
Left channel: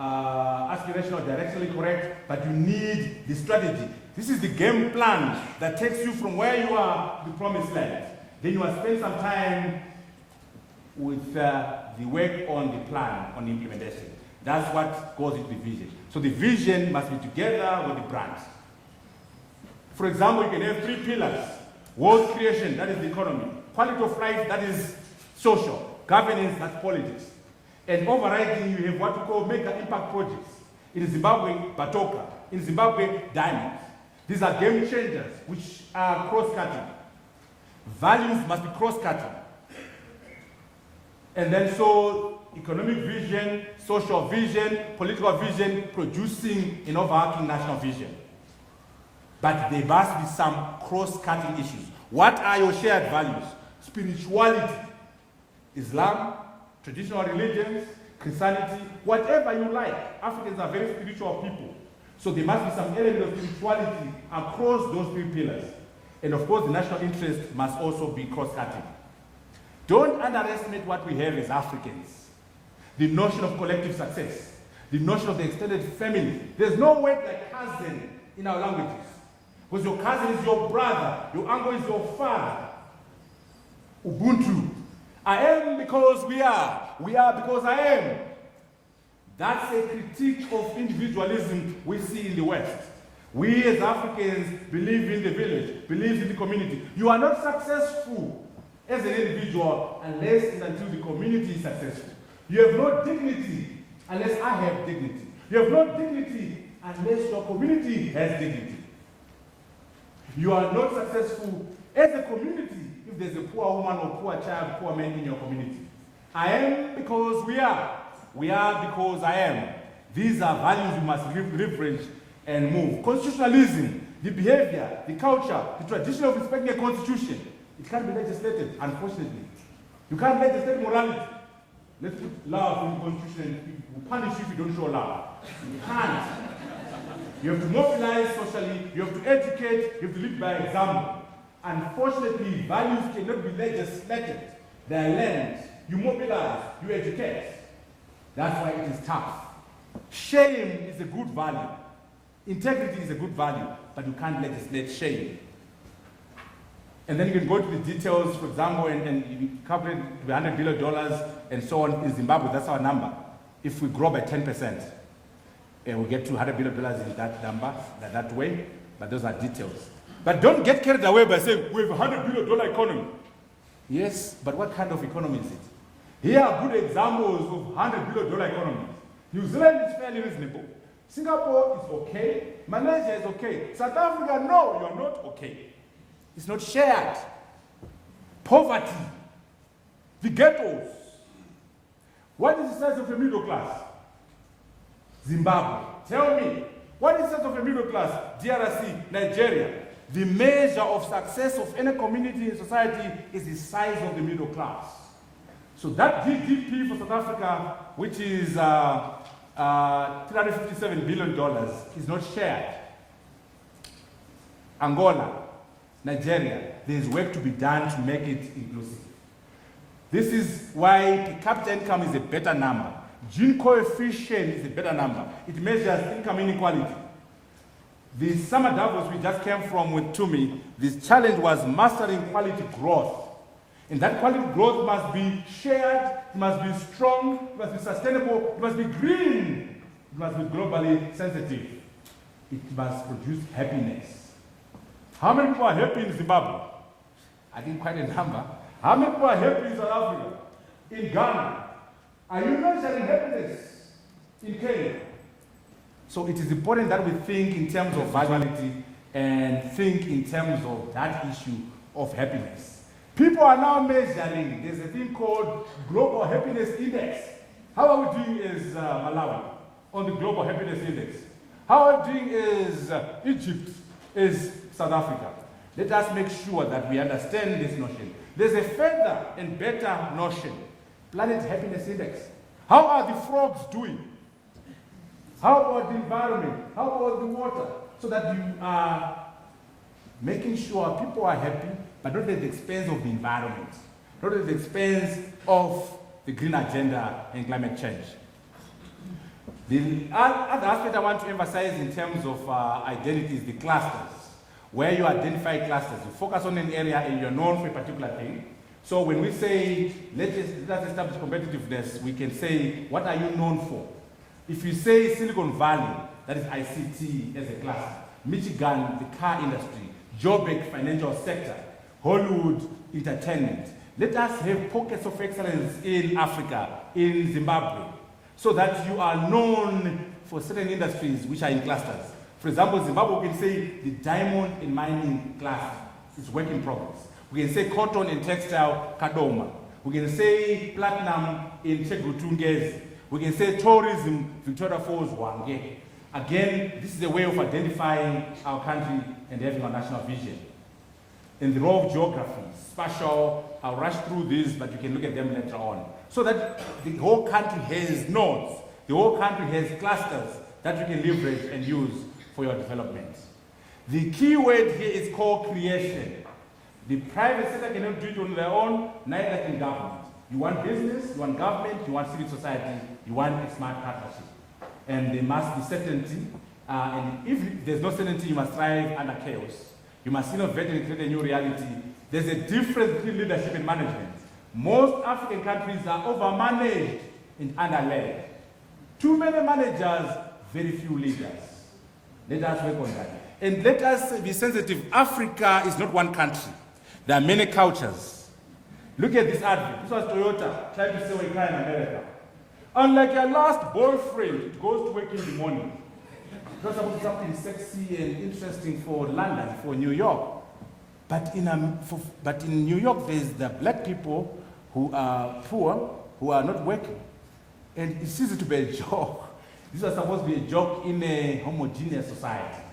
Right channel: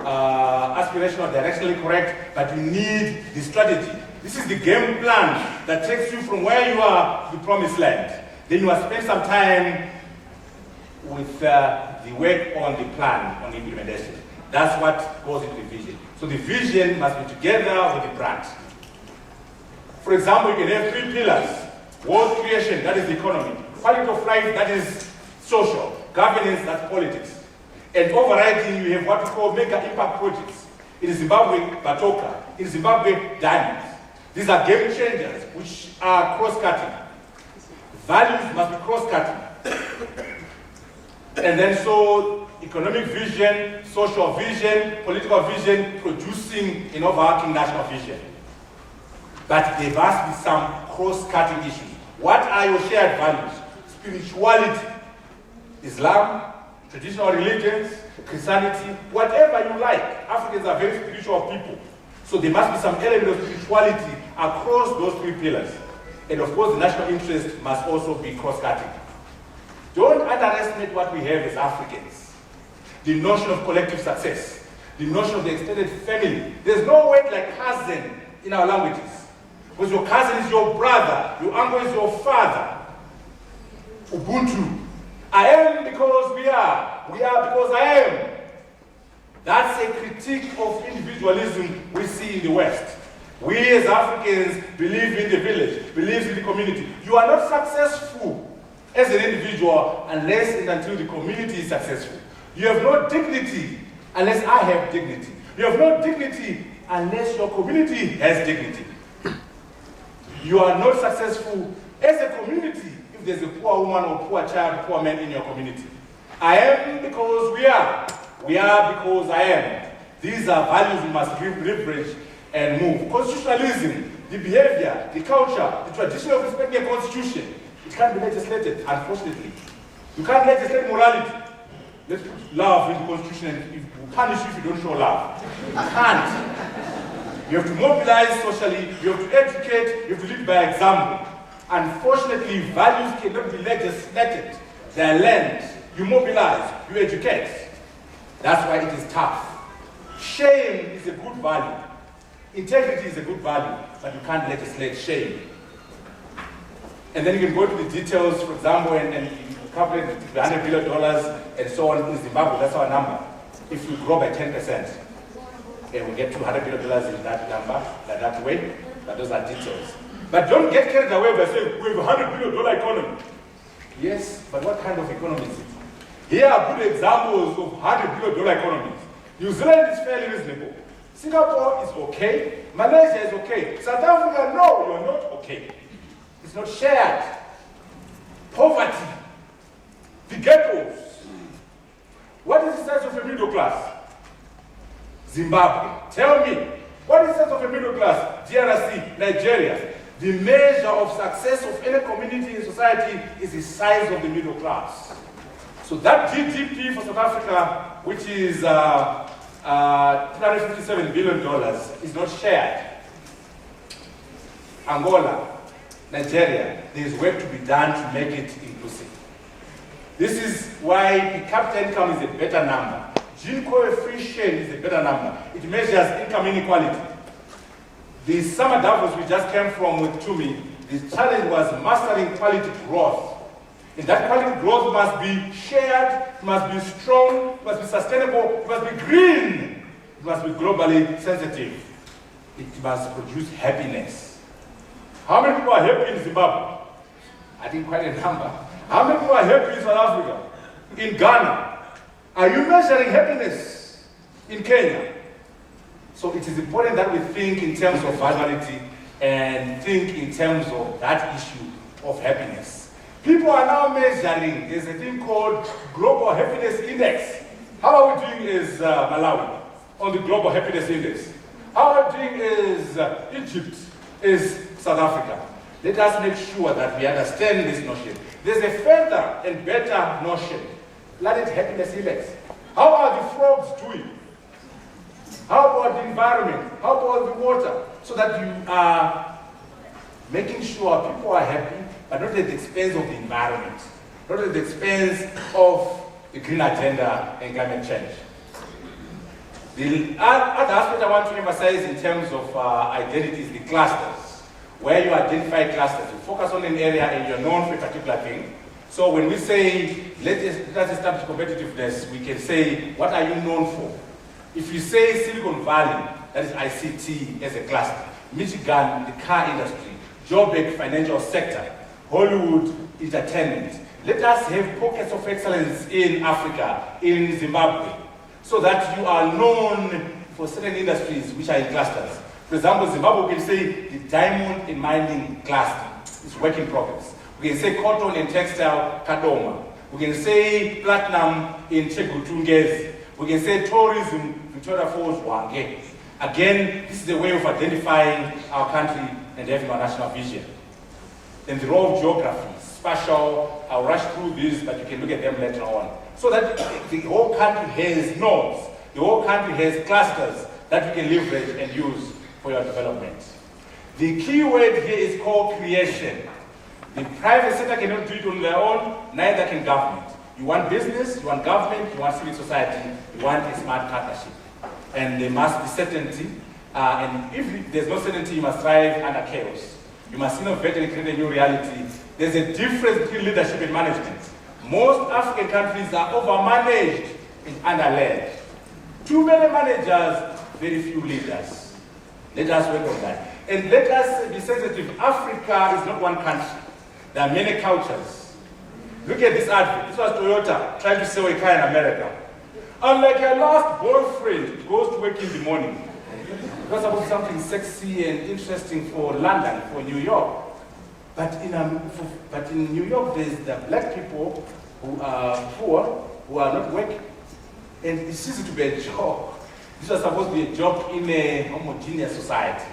aspirational, directionally correct, but you need the strategy. This is the game plan that takes you from where you are to the promised land. Then you must spend some time with the work on the plan, on the implementation. That's what goes in the vision. So the vision must be together with the grant. For example, you can have 3 pillars. Wealth creation, that is the economy. Quality of life, that is social. Governance, that's politics. And overriding, you have what we call mega impact projects. In Zimbabwe, Batoka. In Zimbabwe, diamonds. These are game changers, which are cross-cutting. Values must be cross-cutting. And then so, economic vision, social vision, political vision, producing overarching national vision. But there must be some cross-cutting issues. What are your shared values? Spirituality, Islam, traditional religions, Christianity, whatever you like. Africans are very spiritual people. So there must be some element of spirituality across those 3 pillars. And of course, the national interest must also be cross-cutting. Don't underestimate what we have as Africans. The notion of collective success, the notion of the extended family. There's no word like cousin in our languages. Because your cousin is your brother, your uncle is your father. Ubuntu. I am because we are. We are because I am. That's a critique of individualism we see in the West. We as Africans believe in the village, believe in the community. You are not successful as an individual unless and until the community is successful. You have no dignity unless I have dignity. You have no dignity unless your community has dignity. You are not successful as a community if there's a poor woman or poor child, poor man in your community. I am because we are. We are because I am. These are values we must give leverage and move. Constitutionalism, the behavior, the culture, the tradition of defending a constitution. It can't be legislated, unfortunately. You can't legislate morality. Let's love with the constitution and you punish if you don't show love. You can't. You have to mobilize socially, you have to educate, you have to lead by example. Unfortunately, values cannot be legislated. They are learned. You mobilize, you educate. That's why it is tough. Shame is a good value. Integrity is a good value, but you can't legislate shame. And then you can go to the details, for example, and you calculate the $100 billion and so on in Zimbabwe, that's our number. If we grow by 10%, and we get to $100 million in that number, that way, but those are details. But don't get carried away by saying, we have $100 million economy. Yes, but what kind of economy is it? Here are good examples of $100 billion economies. New Zealand is fairly reasonable. Singapore is okay. Malaysia is okay. South Africa, no, you're not okay. It's not shared. Poverty. The ghettos. What is the sense of the middle class? Zimbabwe. Tell me, what is the sense of the middle class? DRC, Nigeria. The measure of success of any community in society is the size of the middle class. So that GDP for South Africa, which is $357 billion, is not shared. Angola, Nigeria, there is work to be done to make it inclusive. This is why the capital income is a better number. G coefficient is a better number. It measures income inequality. The summer Davos we just came from with Tumi, the challenge was mastering quality growth. And that quality growth must be shared, must be strong, must be sustainable, must be green, must be globally sensitive. It must produce happiness. How many people are happy in Zimbabwe? I didn't quite remember. How many people are happy in South Africa? In Ghana? Are you measuring happiness in Kenya? So it is important that we think in terms of humanity and think in terms of that issue of happiness. People are now measuring, there's a thing called Global Happiness Index. How are we doing as Malawi on the Global Happiness Index? How are we doing as Egypt, is South Africa? Let us make sure that we understand this notion. There is a further and better notion. Planet Happiness Index. How are the frogs doing? How about the environment? How about the water? So that you are making sure people are happy, but not at the expense of the environment, not at the expense of the green agenda and climate change. The other aspect I want to emphasize in terms of identity is the clusters, where you identify clusters. You focus on an area and you're known for a particular thing. So when we say, let's establish competitiveness, we can say, what are you known for? If you say Silicon Valley, that is ICT as a cluster, Michigan, the car industry, Joburg, financial sector, Hollywood, entertainment. Let us have pockets of excellence in Africa, in Zimbabwe, so that you are known for certain industries which are in clusters. For example, Zimbabwe, we can say the diamond and mining cluster is work in progress. We can say cotton and textile, Kadoma. We can say platinum in Chebutungezi. We can say tourism, Victoria Falls, Rwange. Again, this is a way of identifying our country and therefore our national vision. In the role of geography, spatial, I'll rush through these, but you can look at them later on. So that the whole country has nodes, the whole country has clusters that you can leverage and use for your development. The key word here is co-creation. The private sector cannot do it on their own, neither can government. You want business, you want government, you want civil society, you want a smart partnership. And there must be certainty, and if there's no certainty, you must thrive under chaos. You must innovate and create new reality. There is a difference between leadership and management. Most African countries are over-managed and under-led. Too many managers, very few leaders. Let us work on that. And let us be sensitive. Africa is not one country. There are many cultures. Look at this ad. This was Toyota trying to sell a car in America. I'm like, my last boyfriend goes to work in the morning. Because about something sexy and interesting for London, for New York. But in New York, there's the black people who are poor, who are not working. And this is to be a job. This is supposed to be a job in a homogeneous society.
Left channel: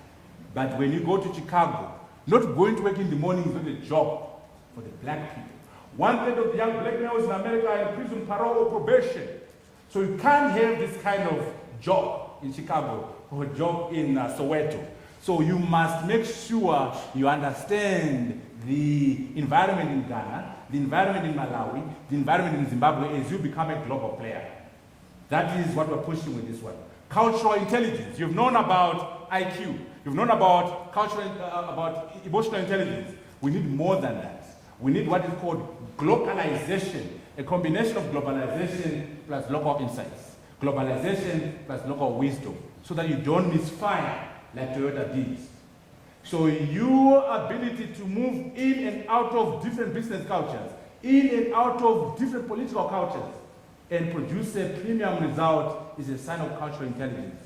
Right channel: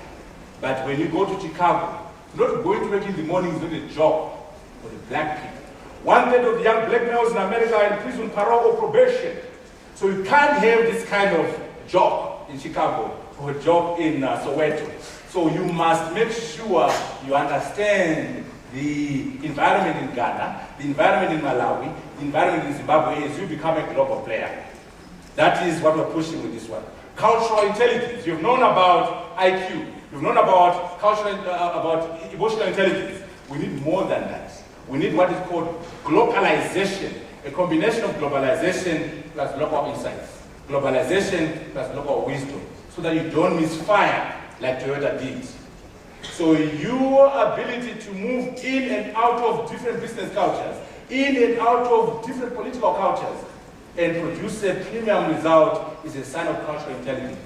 But when you go to Chicago, not going to work in the morning is a job for the black people. One third of the young black males in America are in prison, parole, or probation. So you can't have this kind of job in Chicago or a job in Soweto. So you must make sure you understand the environment in Ghana, the environment in Malawi, the environment in Zimbabwe as you become a global player. That is what we're pushing with this one. Cultural intelligence. You've known about IQ. You've known about cultural, about emotional intelligence. We need more than that. We need what is called globalization, a combination of globalization plus local insights, globalization plus local wisdom, so that you don't misfire like Toyota did. So your ability to move in and out of different business cultures, in and out of different political cultures, and produce a premium result is a sign of cultural intelligence.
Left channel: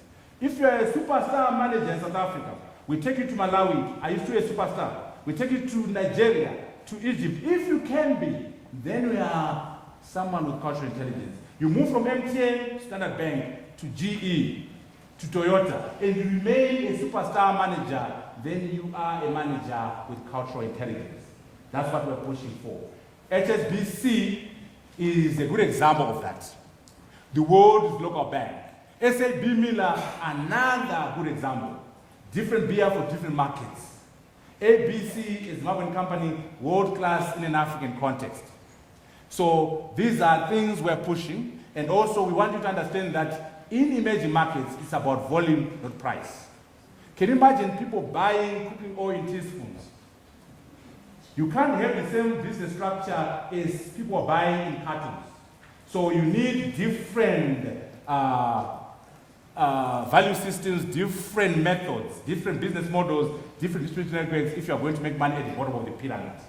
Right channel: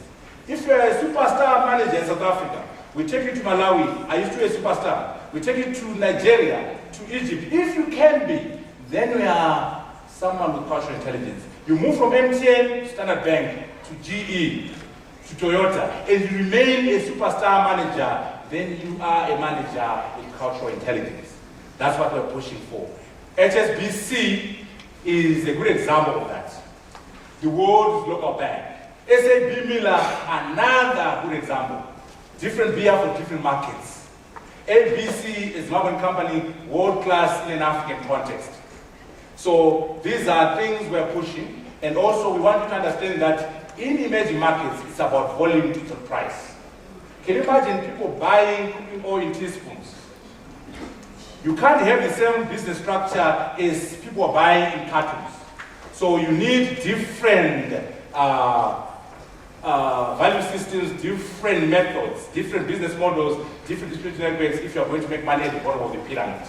If you are a superstar manager in South Africa, we take you to Malawi, are you still a superstar? We take you to Nigeria, to Egypt. If you can be, then you are someone with cultural intelligence. You move from MTN, Standard Bank, to GE, to Toyota, and you remain a superstar manager, then you are a manager with cultural intelligence. That's what we're pushing for. HSBC is a good example of that. The world's local bank. SAB Miller, another good example. Different beer for different markets. ABC is not a company world-class in African context. So these are things we're pushing, and also we want to understand that in emerging markets, it's about volume to the price. Can you imagine people buying oil in teaspoons? You can't have the same business structure as people buying in atoms. So you need different value systems, different methods, different business models, different distribution networks if you are going to make money at the bottom of the pyramid.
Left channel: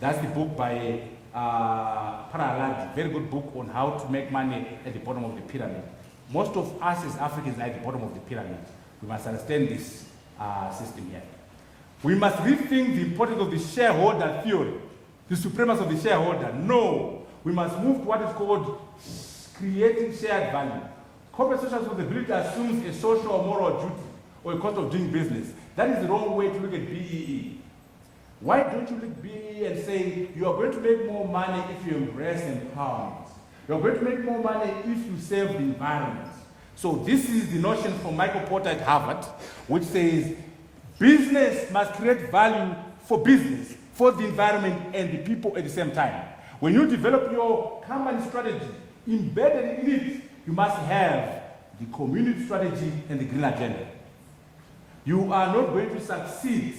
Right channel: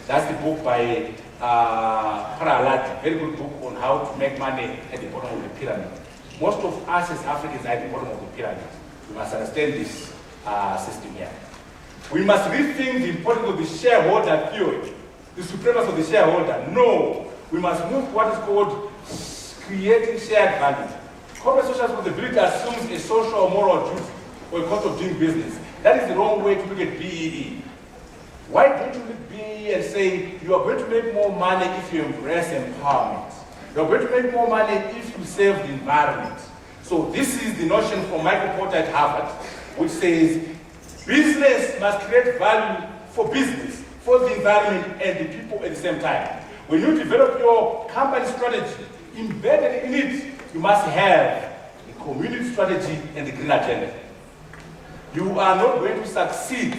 That's the book by Paralad, very good book on how to make money at the bottom of the pyramid. Most of us as Africans are at the bottom of the pyramid. We must sustain this system here. We must rethink the importance of the shareholder theory, the supremacy of the shareholder. No, we must move what is called creating shared value. Corporate social responsibility assumes a social or moral truth or a cost of doing business. That is the wrong way to look at PED. Why do you look at PED and say you are going to make more money if you embrace empowerment? You are going to make more money if you save the environment. So this is the notion from Michael Porter at Harvard, which says business must create value for business, for the environment and the people at the same time. When you develop your company strategy, embedded in it, you must have the community strategy and the green agenda. You are not going to succeed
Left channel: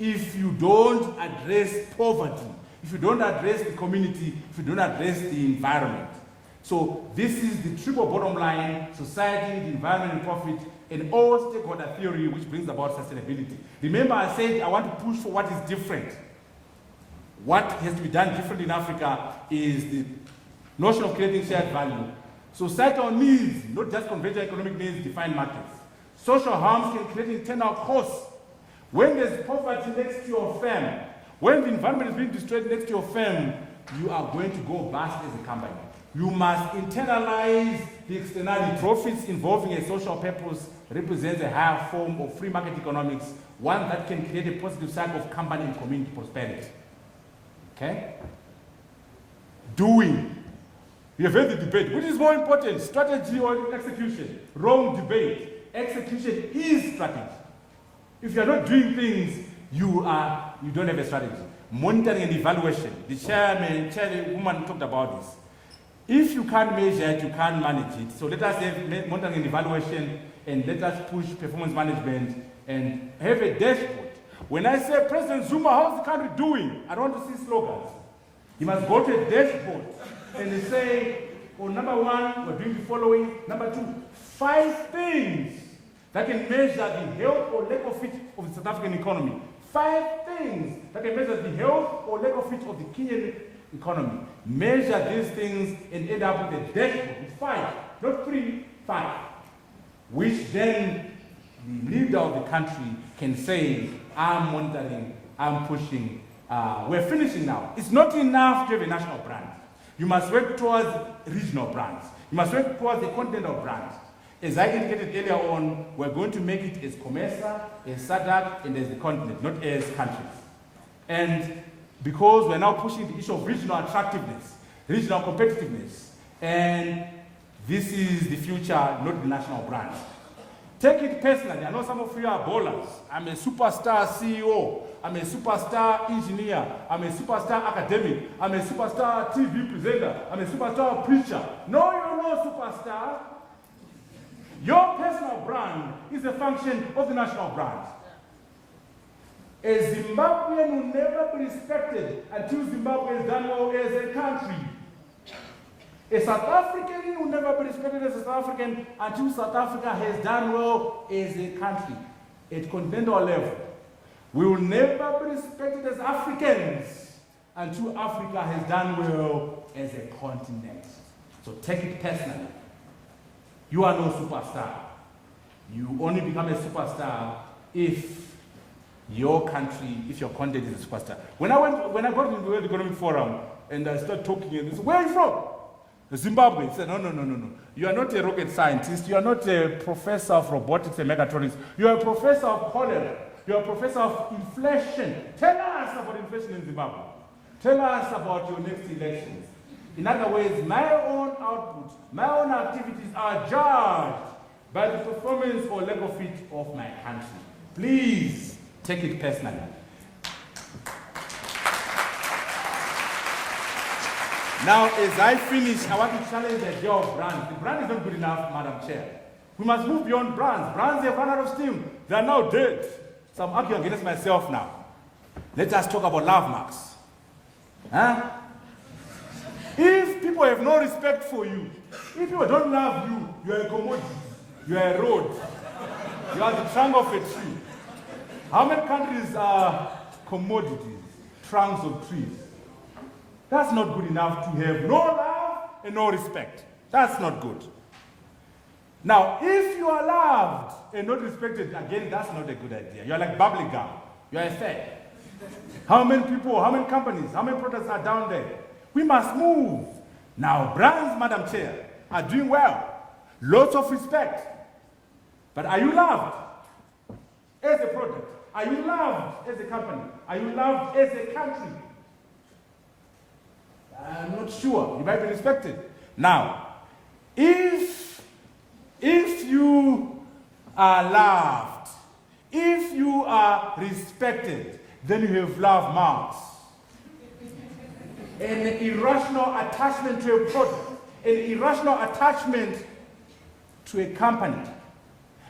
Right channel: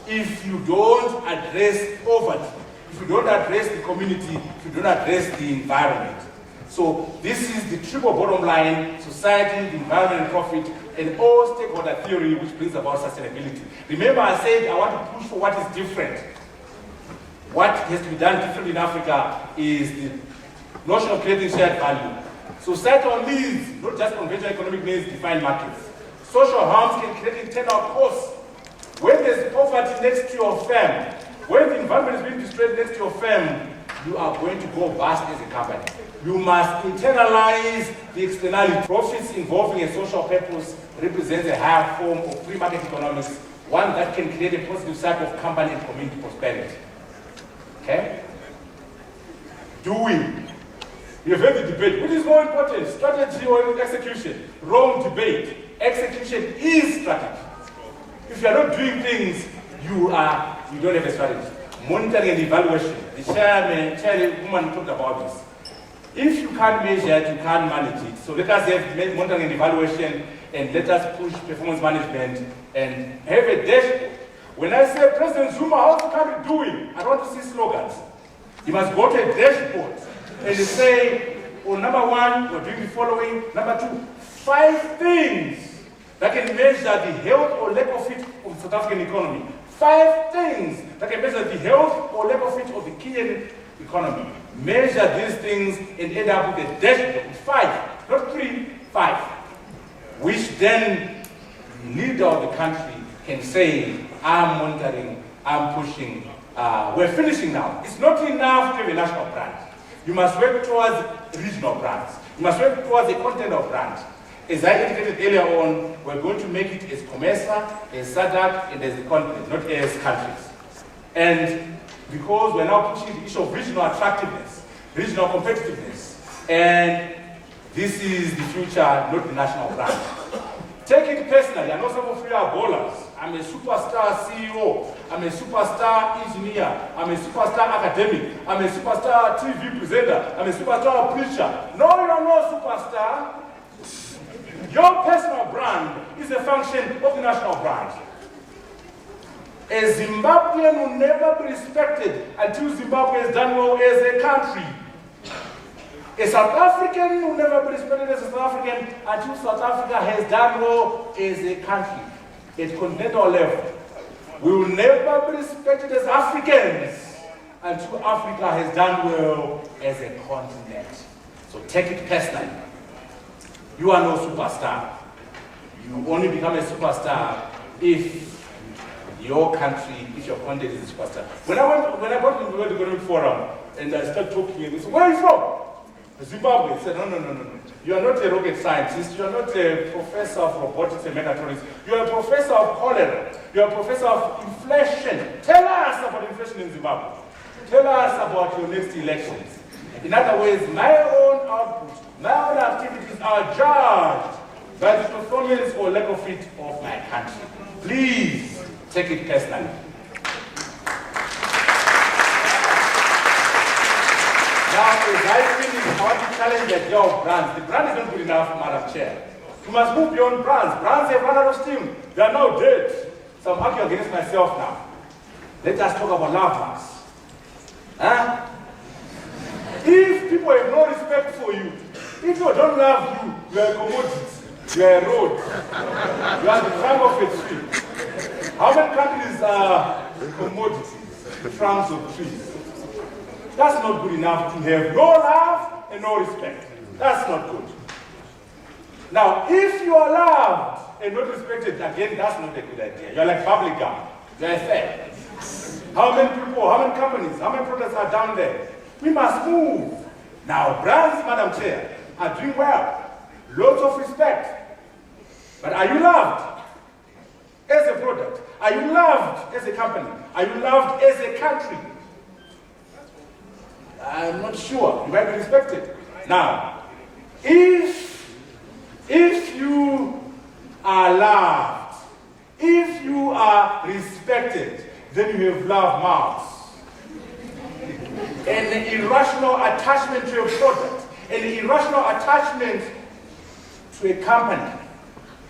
if you don't address poverty, if you don't address the community, if you don't address the environment. So this is the triple bottom line: society, environment, profit, and all stakeholder theory which brings about sustainability. Remember, I said I want to push what is different. What has to be done differently in Africa is the notion of creating shared value. Societal needs, not just conventional economic needs, define markets. Social harms can create internal costs. When there's poverty next to your firm, when the environment is next to your firm, you are going to go past as a company. You must internalize the externality. Profits involving a social purpose represent a higher form of free market economics, one that can create a positive cycle of company and community prosperity. Okay? Doing. You have heard the debate. This is more important. Strategy or execution. Wrong debate. Execution is strategy. If you are not doing things, you don't have a strategy. Monitoring and evaluation. The chair woman talked about this. If you can't measure, you can't manage it. So let us have monitoring and evaluation, and let us push performance management and have a dashboard. When I say President Zuma, how can we do it? I don't want to see slogans. You must go to a dashboard and say, well, number one, we're doing the following. Number two, 5 things that can measure the health or lack of fit of the South African economy. 5 things that can measure the health or lack of fit of the Kenyan economy. Measure these things and end up with a dashboard. 5, not 3, 5. Which then the leader of the country can say, I'm monitoring, I'm pushing, we're finishing now. It's not enough to have a national brand. You must work towards regional brands. You must work towards the continental brand. As I indicated earlier on, we're going to make it as COMESA, as SADC, and as continent, not as countries. And because we're now pushing the issue of regional attractiveness, regional competitiveness, and this is the future, not the national brand. Take it personally, I'm not going to feel our dollars. I'm a superstar CEO, I'm a superstar engineer, I'm a superstar academic, I'm a superstar TV presenter, I'm a superstar publisher. No, you're not superstar. Your personal brand is a function of the national brand. A Zimbabwean will never be respected until Zimbabwe has done well as a country. A South African will never be respected as a South African until South Africa has done well as a country. At continental level. We will never be respected as Africans until Africa has done well as a continent. So take it personally. You are no superstar. You only become a superstar if your country, if your continent is a superstar. When I went to the World Economic Forum and I started talking, where are you from? Zimbabwe. He said, no. You are not a rocket scientist. You are not a professor of robotics and mechatronics. You are a professor of cholera. You are a professor of inflation. Tell us about inflation in Zimbabwe. Tell us about your next elections. In other words, my own output, my own activities are judged by the performance or level of fit of my country. Please take it personally. Now, as I finish, I want to challenge the idea of brands. The brand is not good enough for market share. We must move beyond brands. Brands are part of team. They are not dead. So I'm not going to get myself now. Let us talk about lovers. Huh? If people have no respect for you, if people don't love you, you are commodities. You are a road. You are the time of the street. How many countries are commodities? The crowns of peace. not good enough to have no love and no respect. That's not good. Now, if you are loved and not respected, again, that's not a good idea. You're like bubbling gum. You're a fed. How many people, how many companies, how many products are down there? We must move. Now, brands, Madam Chair, are doing well. Lots of respect. But are you loved as a product? Are you loved as a company? Are you loved as a country? I'm not sure. You might be respected. Now, if you are loved, if you are respected, then you have love marks. An irrational attachment to a product, an irrational attachment to a company,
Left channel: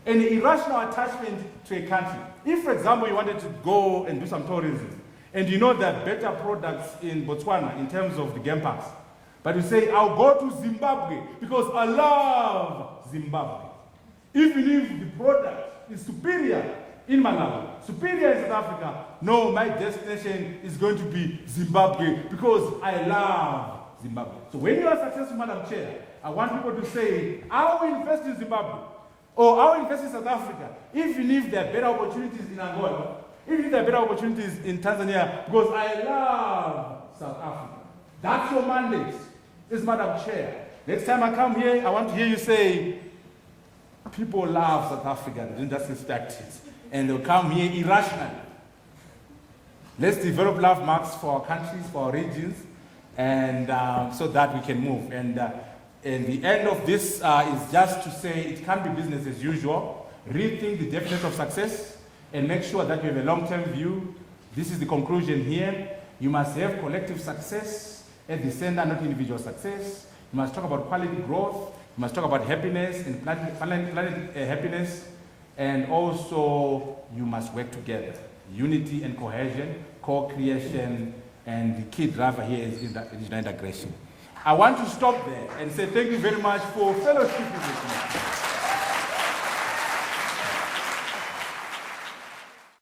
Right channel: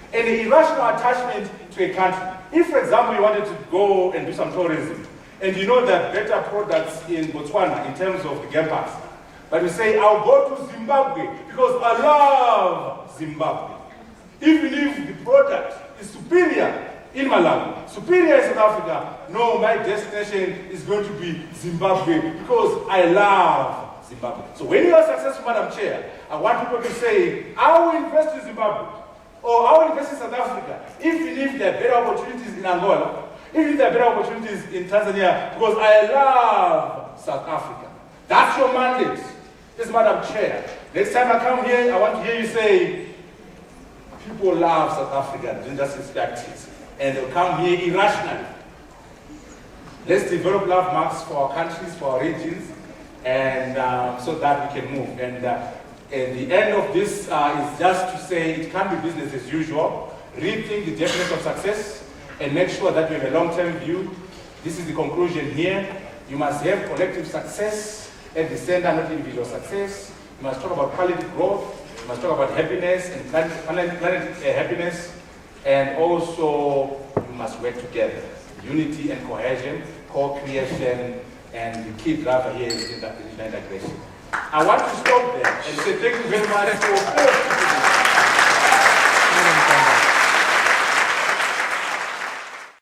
an irrational attachment to a country. If, for example, you wanted to go and do some tourism, and you know there are better products in Botswana in terms of game pass, but you say, I'll go to Zimbabwe because I love Zimbabwe. Even if the product is superior in Malawi, superior in South Africa, no, my destination is going to be Zimbabwe because I love Zimbabwe. So when you are successful, Madam Chair, I want people to say, I will invest in Zimbabwe, or I will invest in South Africa, if there are better opportunities in Angola, if there are better opportunities in Tanzania, because I love South Africa. That's your mandate. It's Madam Chair. Next time I come here, I want you to say, people love South Africa, that's the statistics. And they come here irrationally. Let's develop love marks for our countries, for our regions, and so that we can move. And the end of this is just to say it can't be business as usual. Rethink the definition of success and make sure that you have a long-term view. This is the conclusion here. You must have collective success and the center of your success. You must talk about quality growth. You must talk about happiness and happiness. And also, we must work together. Unity and cohesion, co-creation, and the key drive here is integration. I want to stop there and say thank you very much for